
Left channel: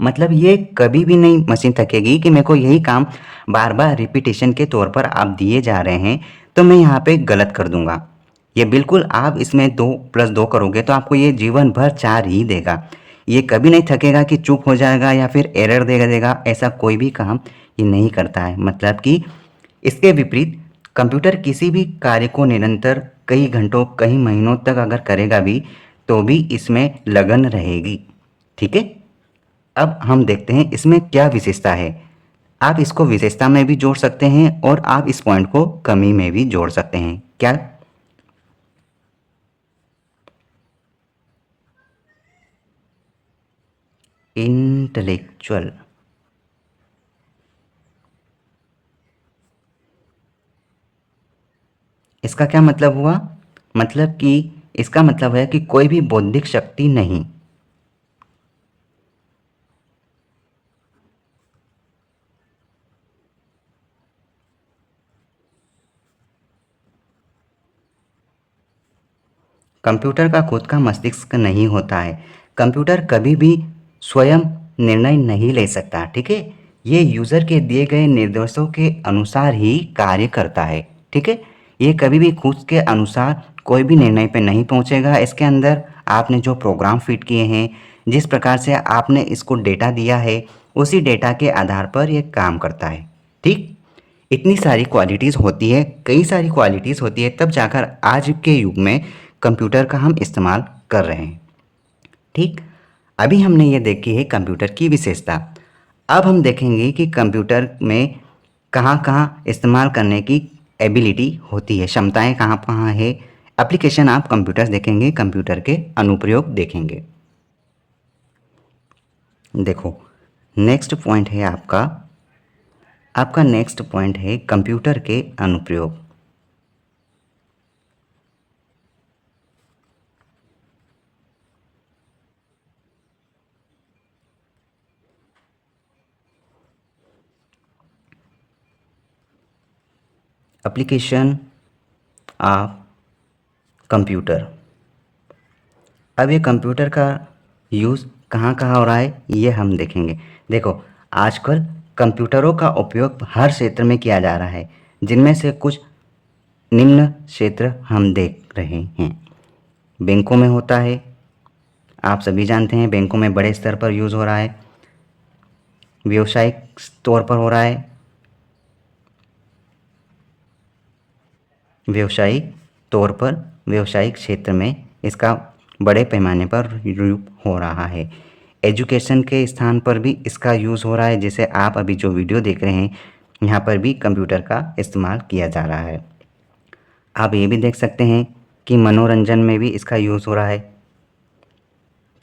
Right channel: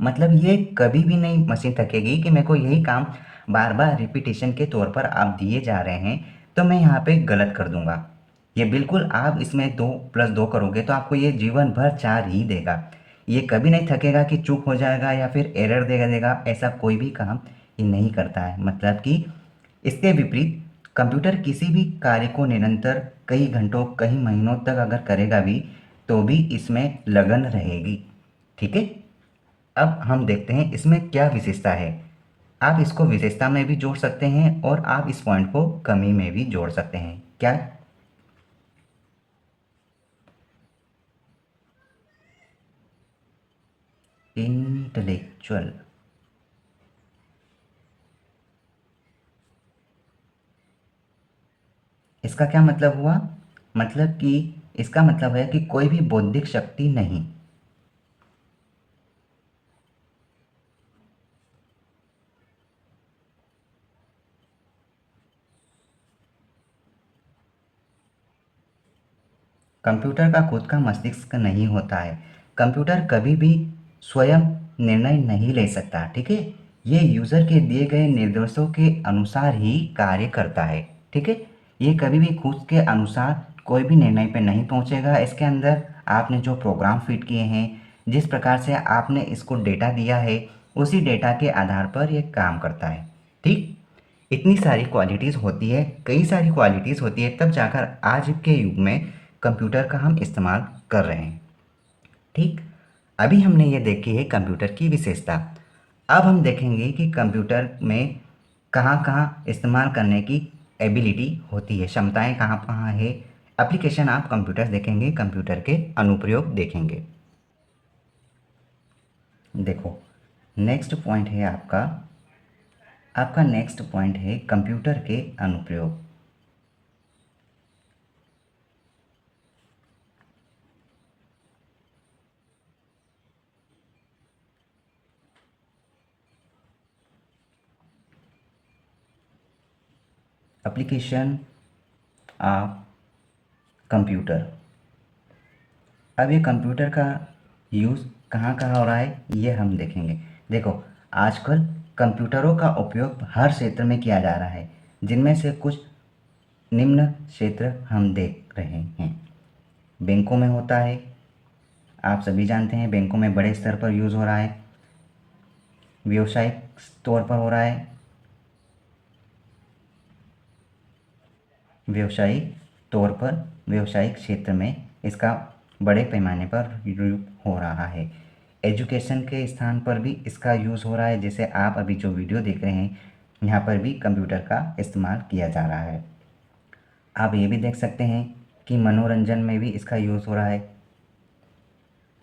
मतलब ये कभी भी नहीं मशीन थकेगी कि मेरे को यही काम बार बार रिपीटेशन के तौर पर आप दिए जा रहे हैं तो मैं यहाँ पे गलत कर दूंगा। ये बिल्कुल आप इसमें 2+2 करोगे तो आपको ये जीवन भर 4 ही देगा। ये कभी नहीं थकेगा कि चुप हो जाएगा या फिर एरर देगा, ऐसा कोई भी काम ये नहीं करता है। मतलब कि इसके विपरीत कंप्यूटर किसी भी कार्य को निरंतर कई घंटों कई महीनों तक अगर करेगा भी तो भी इसमें लगन रहेगी। ठीक है, अब हम देखते हैं इसमें क्या विशेषता है। आप इसको विशेषता में भी जोड़ सकते हैं और आप इस पॉइंट को कमी में भी जोड़ सकते हैं। क्या? इंटेलेक्चुअल, इसका क्या मतलब हुआ? मतलब कि इसका मतलब है कि कोई भी बौद्धिक शक्ति नहीं। कंप्यूटर का खुद का मस्तिष्क नहीं होता है। कंप्यूटर कभी भी स्वयं निर्णय नहीं ले सकता। ठीक है, ये यूज़र के दिए गए निर्देशों के अनुसार ही कार्य करता है। ठीक है, ये कभी भी खुद के अनुसार कोई भी निर्णय पे नहीं पहुंचेगा। इसके अंदर आपने जो प्रोग्राम फिट किए हैं, जिस प्रकार से आपने इसको डेटा दिया है, उसी डेटा के आधार पर ये काम करता है। ठीक, इतनी सारी क्वालिटीज़ होती है, कई सारी क्वालिटीज़ होती है, तब जाकर आज के युग में कंप्यूटर का हम इस्तेमाल कर रहे हैं। ठीक, अभी हमने ये देखी है कंप्यूटर की विशेषता। अब हम देखेंगे कि कंप्यूटर में कहाँ कहाँ इस्तेमाल करने की एबिलिटी होती है, क्षमताएं कहाँ कहाँ है। एप्लीकेशन आप कंप्यूटर देखेंगे, कंप्यूटर के अनुप्रयोग देखेंगे। देखो, नेक्स्ट पॉइंट है आपका, नेक्स्ट पॉइंट है कंप्यूटर के अनुप्रयोग। Application of computer. अब ये कंप्यूटर का यूज़ कहाँ कहाँ हो रहा है ये हम देखेंगे। देखो, आजकल कंप्यूटरों का उपयोग हर क्षेत्र में किया जा रहा है, जिनमें से कुछ निम्न क्षेत्र हम देख रहे हैं। बैंकों में होता है, आप सभी जानते हैं बैंकों में बड़े स्तर पर यूज़ हो रहा है। व्यावसायिक तौर पर हो रहा है, व्यावसायिक तौर पर व्यावसायिक क्षेत्र में इसका बड़े पैमाने पर उपयोग हो रहा है। एजुकेशन के स्थान पर भी इसका यूज़ हो रहा है, जैसे आप अभी जो वीडियो देख रहे हैं यहाँ पर भी कंप्यूटर का इस्तेमाल किया जा रहा है। आप ये भी देख सकते हैं कि मनोरंजन में भी इसका यूज़ हो रहा है।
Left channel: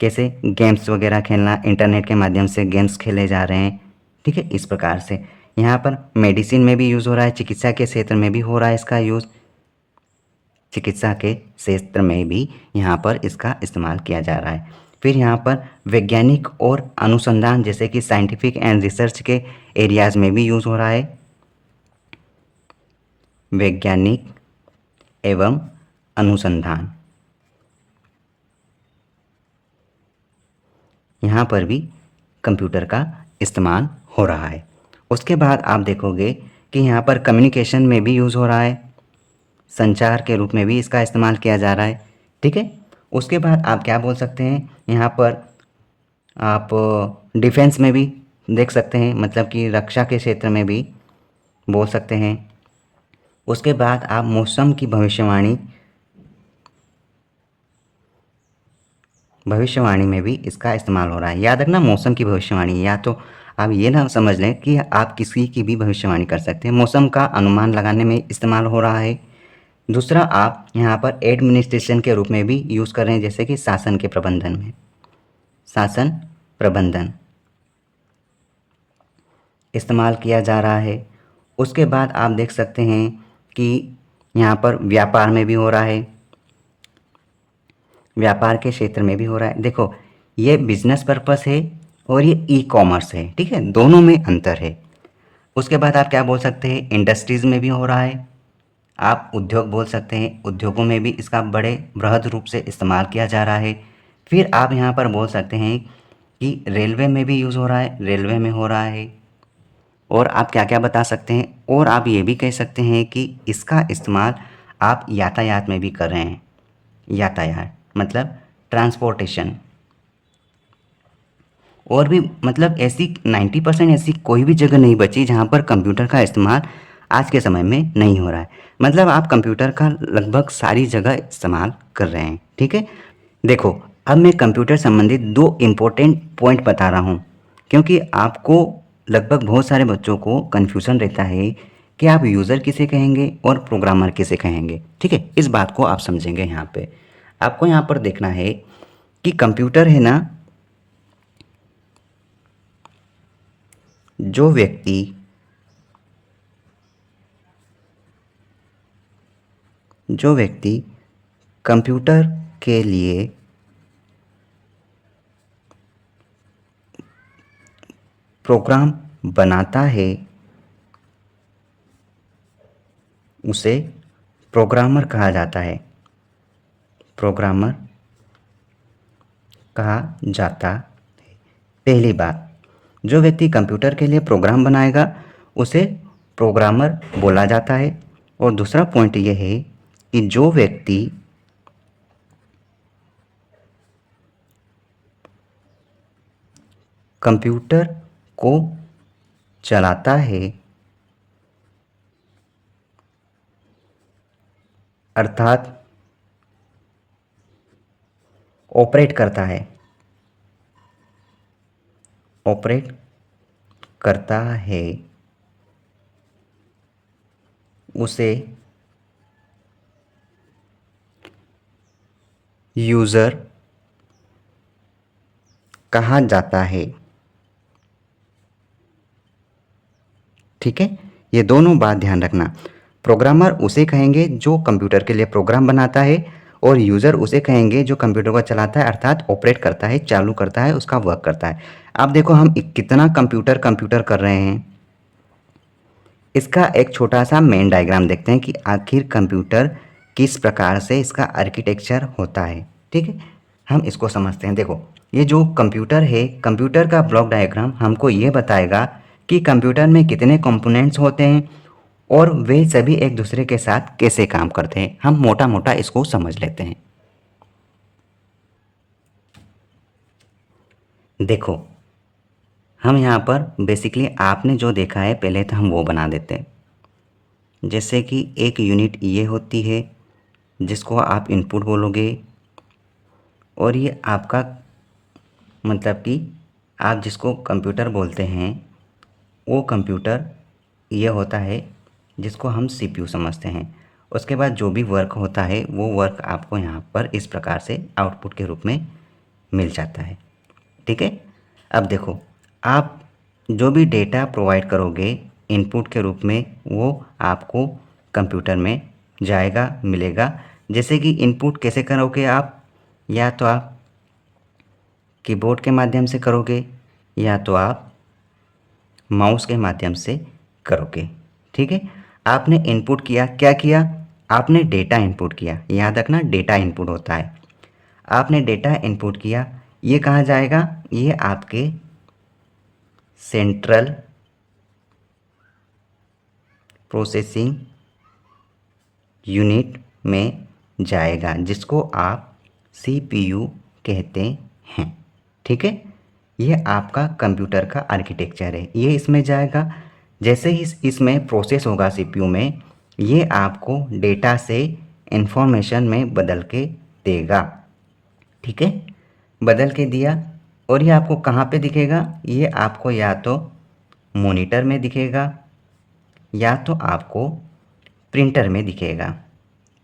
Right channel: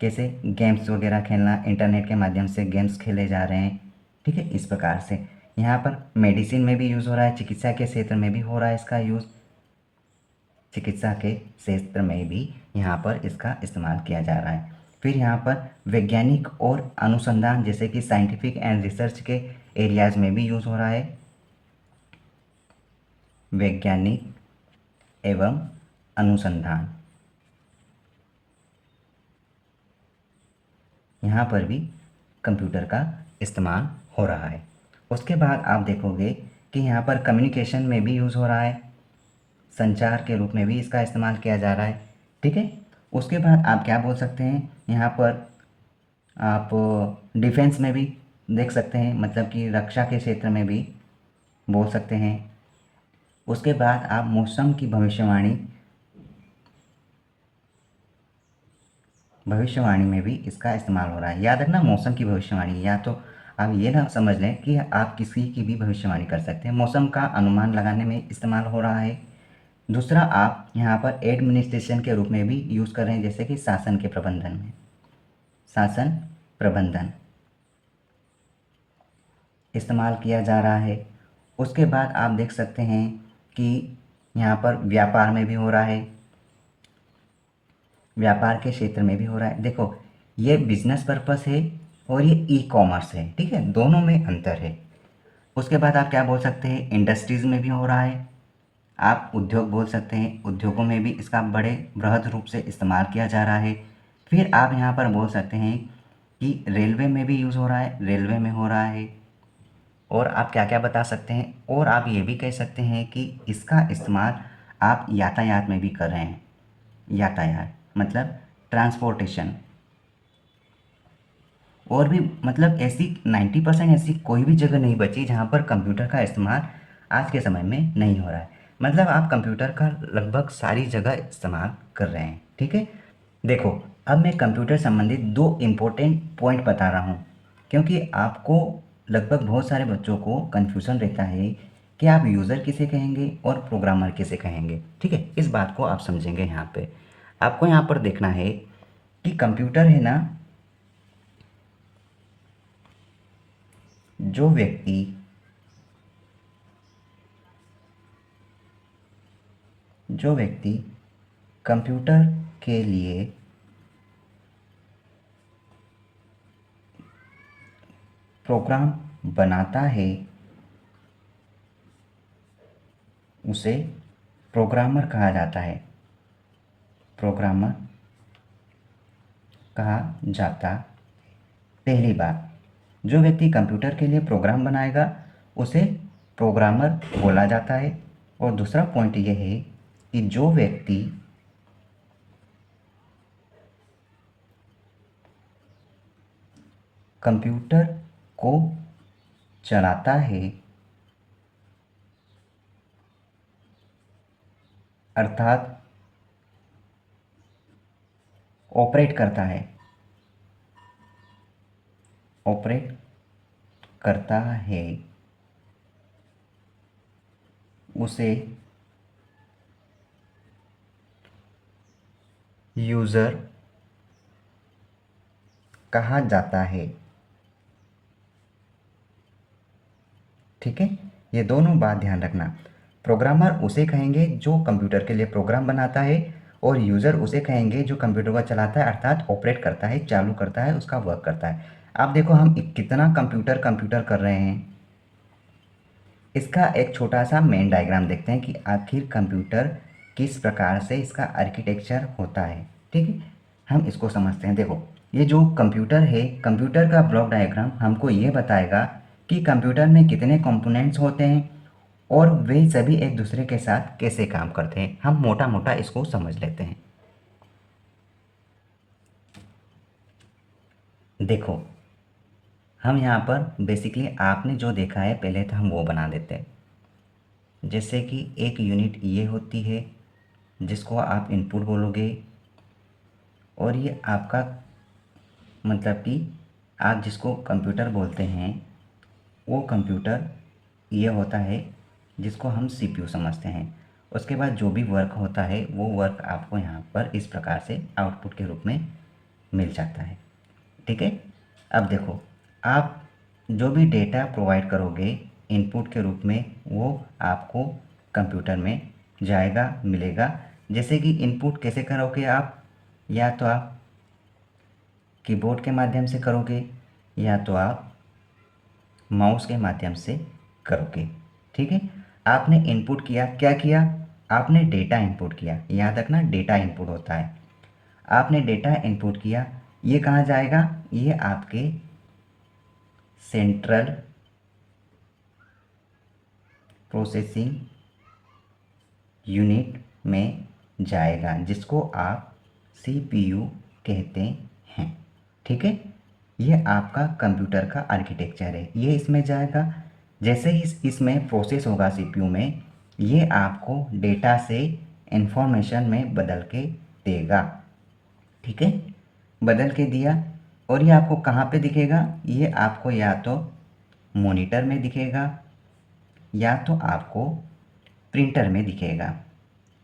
कैसे? गेम्स वगैरह खेलना, इंटरनेट के माध्यम से गेम्स खेले जा रहे हैं। ठीक है, इस प्रकार से यहाँ पर मेडिसिन में भी यूज़ हो रहा है, चिकित्सा के क्षेत्र में भी हो रहा है इसका यूज़। चिकित्सा के क्षेत्र में भी यहाँ पर इसका इस्तेमाल किया जा रहा है। फिर यहाँ पर वैज्ञानिक और अनुसंधान, जैसे कि साइंटिफिक एंड रिसर्च के एरियाज़ में भी यूज़ हो रहा है। वैज्ञानिक एवं अनुसंधान, यहाँ पर भी कंप्यूटर का इस्तेमाल हो रहा है। उसके बाद आप देखोगे कि यहाँ पर कम्युनिकेशन में भी यूज़ हो रहा है, संचार के रूप में भी इसका इस्तेमाल किया जा रहा है। ठीक है, उसके बाद आप क्या बोल सकते हैं, यहाँ पर आप डिफेंस में भी देख सकते हैं, मतलब कि रक्षा के क्षेत्र में भी बोल सकते हैं। उसके बाद आप मौसम की भविष्यवाणी में भी इसका इस्तेमाल हो रहा है। याद रखना, मौसम की भविष्यवाणी, या तो आप ये ना समझ लें कि आप किसी की भी भविष्यवाणी कर सकते हैं। मौसम का अनुमान लगाने में इस्तेमाल हो रहा है। दूसरा आप यहाँ पर एडमिनिस्ट्रेशन के रूप में भी यूज़ कर रहे हैं, जैसे कि शासन के प्रबंधन में, शासन प्रबंधन इस्तेमाल किया जा रहा है। उसके बाद आप देख सकते हैं कि यहाँ पर व्यापार में भी हो रहा है, व्यापार के क्षेत्र में भी हो रहा है। देखो, ये बिजनेस पर्पस है और ये ई कॉमर्स है, ठीक है, दोनों में अंतर है। उसके बाद आप क्या बोल सकते हैं, इंडस्ट्रीज़ में भी हो रहा है, आप उद्योग बोल सकते हैं, उद्योगों में भी इसका बड़े बृहद रूप से इस्तेमाल किया जा रहा है। फिर आप यहाँ पर बोल सकते हैं कि रेलवे में भी यूज़ हो रहा है, रेलवे में हो रहा है। और आप क्या क्या बता सकते हैं, और आप ये भी कह सकते हैं कि इसका इस्तेमाल आप यातायात में भी कर रहे हैं। यातायात मतलब ट्रांसपोर्टेशन। और भी मतलब ऐसी 90% ऐसी कोई भी जगह नहीं बची जहाँ पर कंप्यूटर का इस्तेमाल आज के समय में नहीं हो रहा है। मतलब आप कंप्यूटर का लगभग सारी जगह इस्तेमाल कर रहे हैं, ठीक है। देखो, अब मैं कंप्यूटर संबंधित दो इम्पोर्टेंट पॉइंट बता रहा हूँ, क्योंकि आपको लगभग बहुत सारे बच्चों को कन्फ्यूज़न रहता है कि आप यूज़र किसे कहेंगे और प्रोग्रामर किसे कहेंगे, ठीक है। इस बात को आप समझेंगे। यहाँ पे आपको यहाँ पर देखना है कि कंप्यूटर है ना, जो व्यक्ति कंप्यूटर के लिए प्रोग्राम बनाता है उसे प्रोग्रामर कहा जाता है, प्रोग्रामर कहा जाता है। पहली बात, जो व्यक्ति कंप्यूटर के लिए प्रोग्राम बनाएगा उसे प्रोग्रामर बोला जाता है। और दूसरा पॉइंट यह है कि जो व्यक्ति कंप्यूटर को चलाता है, अर्थात ऑपरेट करता है, उसे यूज़र कहा जाता है, ठीक है। ये दोनों बात ध्यान रखना। प्रोग्रामर उसे कहेंगे जो कंप्यूटर के लिए प्रोग्राम बनाता है, और यूज़र उसे कहेंगे जो कंप्यूटर को चलाता है, अर्थात ऑपरेट करता है, चालू करता है, उसका वर्क करता है। अब देखो, हम कितना कंप्यूटर कर रहे हैं। इसका एक छोटा सा मेन डायग्राम देखते हैं कि आखिर कंप्यूटर किस प्रकार से इसका आर्किटेक्चर होता है, ठीक है। हम इसको समझते हैं। देखो, ये जो कंप्यूटर है, कंप्यूटर का ब्लॉक डायग्राम हमको ये बताएगा कि कंप्यूटर में कितने कंपोनेंट्स होते हैं और वे सभी एक दूसरे के साथ कैसे काम करते हैं। हम मोटा मोटा इसको समझ लेते हैं। देखो, हम यहाँ पर बेसिकली आपने जो देखा है पहले तो हम वो बना देते हैं। जैसे कि एक यूनिट ये होती है जिसको आप इनपुट बोलोगे, और ये आपका मतलब कि आप जिसको कंप्यूटर बोलते हैं वो कंप्यूटर ये होता है जिसको हम सीपीयू समझते हैं। उसके बाद जो भी वर्क होता है वो वर्क आपको यहाँ पर इस प्रकार से आउटपुट के रूप में मिल जाता है, ठीक है। अब देखो, आप जो भी डेटा प्रोवाइड करोगे इनपुट के रूप में वो आपको कंप्यूटर में जाएगा, मिलेगा। जैसे कि इनपुट कैसे करोगे आप, या तो आप कीबोर्ड के माध्यम से करोगे या तो आप माउस के माध्यम से करोगे, ठीक है। आपने इनपुट किया, क्या किया, आपने डेटा इनपुट किया। याद रखना, डेटा इनपुट होता है। आपने डेटा इनपुट किया, ये कहाँ जाएगा, ये आपके सेंट्रल प्रोसेसिंग यूनिट में जाएगा, जिसको आप सीपीयू कहते हैं, ठीक है। ये आपका कंप्यूटर का आर्किटेक्चर है, ये इसमें जाएगा। जैसे ही इसमें प्रोसेस होगा सीपीयू में, ये आपको डेटा से इंफॉर्मेशन में बदल के देगा, ठीक है। बदल के दिया, और ये आपको कहाँ पे दिखेगा, ये आपको या तो मॉनिटर में दिखेगा या तो आपको प्रिंटर में दिखेगा,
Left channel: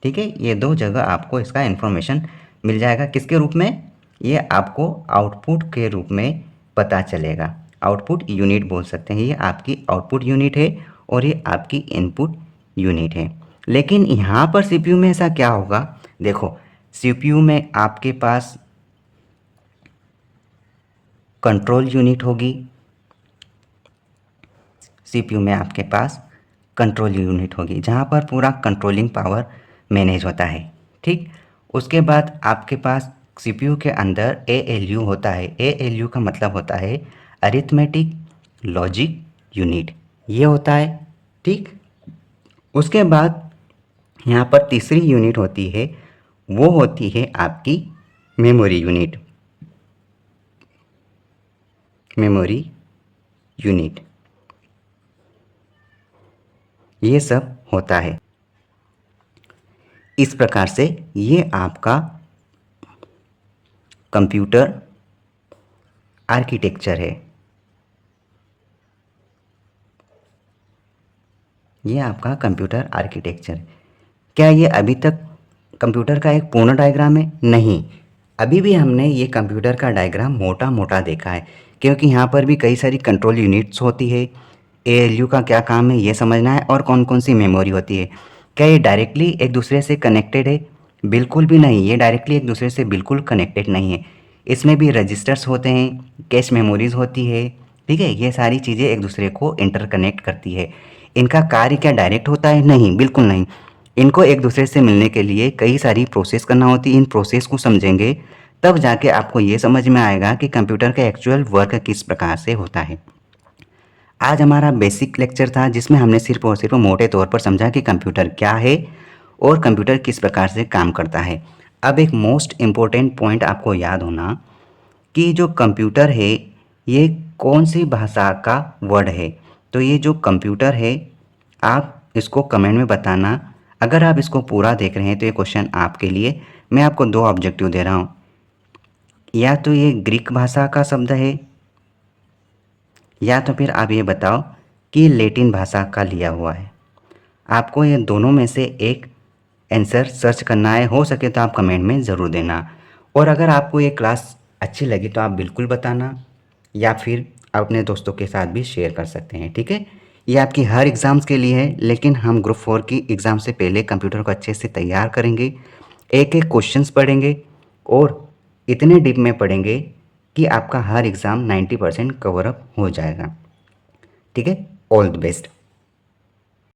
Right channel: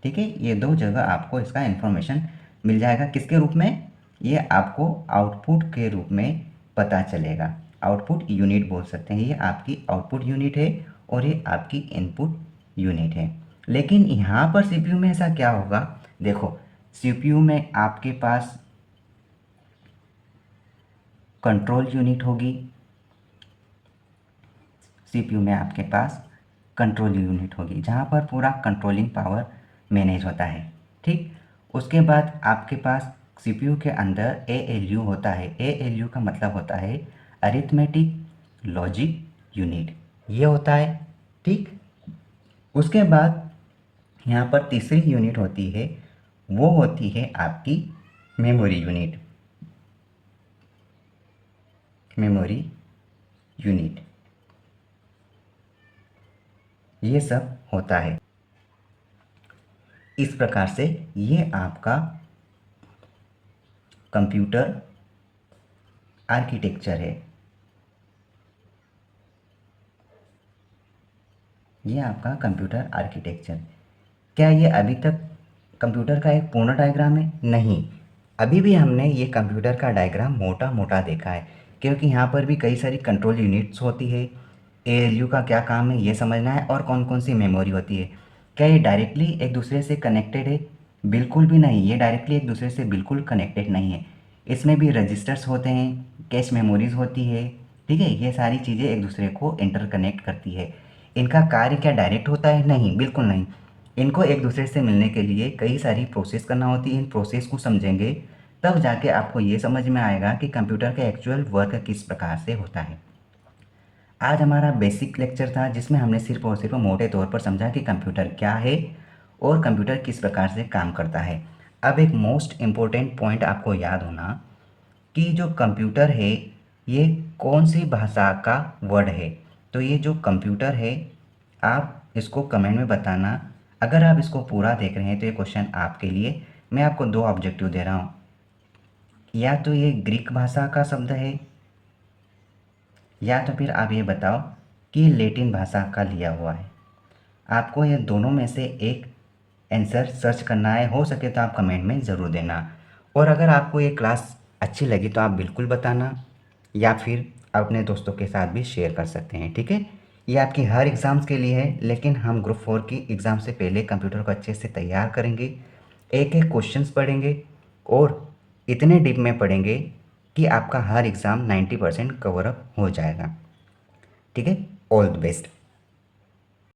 ठीक है, ये दो जगह आपको इसका इन्फॉर्मेशन मिल जाएगा। किसके रूप में? ये आपको आउटपुट के रूप में पता चलेगा। आउटपुट यूनिट बोल सकते हैं, ये आपकी आउटपुट यूनिट है और ये आपकी इनपुट यूनिट है। लेकिन यहाँ पर सीपीयू में ऐसा क्या होगा? देखो, सीपीयू में आपके पास कंट्रोल यूनिट होगी, सीपीयू में आपके पास कंट्रोल यूनिट होगी जहाँ पर पूरा कंट्रोलिंग पावर मैनेज होता है। ठीक, उसके बाद आपके पास सीपीयू के अंदर एएलयू होता है। एएलयू का मतलब होता है अरिथमेटिक लॉजिक यूनिट, ये होता है। ठीक, उसके बाद यहाँ पर तीसरी यूनिट होती है, वो होती है आपकी मेमोरी यूनिट। मेमोरी यूनिट, ये सब होता है। इस प्रकार से ये आपका कंप्यूटर आर्किटेक्चर है। ये आपका कंप्यूटर आर्किटेक्चर। क्या ये अभी तक कंप्यूटर का एक पूर्ण डायग्राम है? नहीं, अभी भी हमने ये कंप्यूटर का डायग्राम मोटा मोटा देखा है, क्योंकि यहाँ पर भी कई सारी कंट्रोल यूनिट्स होती है। एएलयू का क्या काम है ये समझना है, और कौन कौन सी मेमोरी होती है। क्या ये डायरेक्टली एक दूसरे से कनेक्टेड है? बिल्कुल भी नहीं, ये डायरेक्टली एक दूसरे से बिल्कुल कनेक्टेड नहीं है। इसमें भी रजिस्टर्स होते हैं, कैश मेमोरीज होती है। ठीक है, ये सारी चीज़ें एक दूसरे को इंटरकनेक्ट करती है। इनका कार्य क्या डायरेक्ट होता है? नहीं, बिल्कुल नहीं। इनको एक दूसरे से मिलने के लिए कई सारी प्रोसेस करना होती है। इन प्रोसेस को समझेंगे तब जाके आपको ये समझ में आएगा कि कंप्यूटर का एक्चुअल वर्क किस प्रकार से होता है। आज हमारा बेसिक लेक्चर था जिसमें हमने सिर्फ और सिर्फ मोटे तौर पर समझा कि कंप्यूटर क्या है और कंप्यूटर किस प्रकार से काम करता है। अब एक मोस्ट इम्पोर्टेंट पॉइंट आपको याद होना कि जो कंप्यूटर है ये कौन सी भाषा का वर्ड है। तो ये जो कंप्यूटर है, आप इसको कमेंट में बताना। अगर आप इसको पूरा देख रहे हैं तो ये क्वेश्चन आपके लिए। मैं आपको दो ऑब्जेक्टिव दे रहा हूँ, या तो ये ग्रीक भाषा का शब्द है, या तो फिर आप ये बताओ कि लैटिन भाषा का लिया हुआ है। आपको ये दोनों में से एक आंसर सर्च करना है। हो सके तो आप कमेंट में ज़रूर देना। और अगर आपको ये क्लास अच्छी लगी तो आप बिल्कुल बताना, या फिर आप अपने दोस्तों के साथ भी शेयर कर सकते हैं। ठीक है, ये आपकी हर एग्ज़ाम्स के लिए है, लेकिन हम ग्रुप 4 की एग्ज़ाम से पहले कंप्यूटर को अच्छे से तैयार करेंगे, एक एक क्वेश्चंस पढ़ेंगे और इतने डीप में पढ़ेंगे कि आपका हर एग्ज़ाम 90% कवर अप हो जाएगा। ठीक है, ऑल द बेस्ट।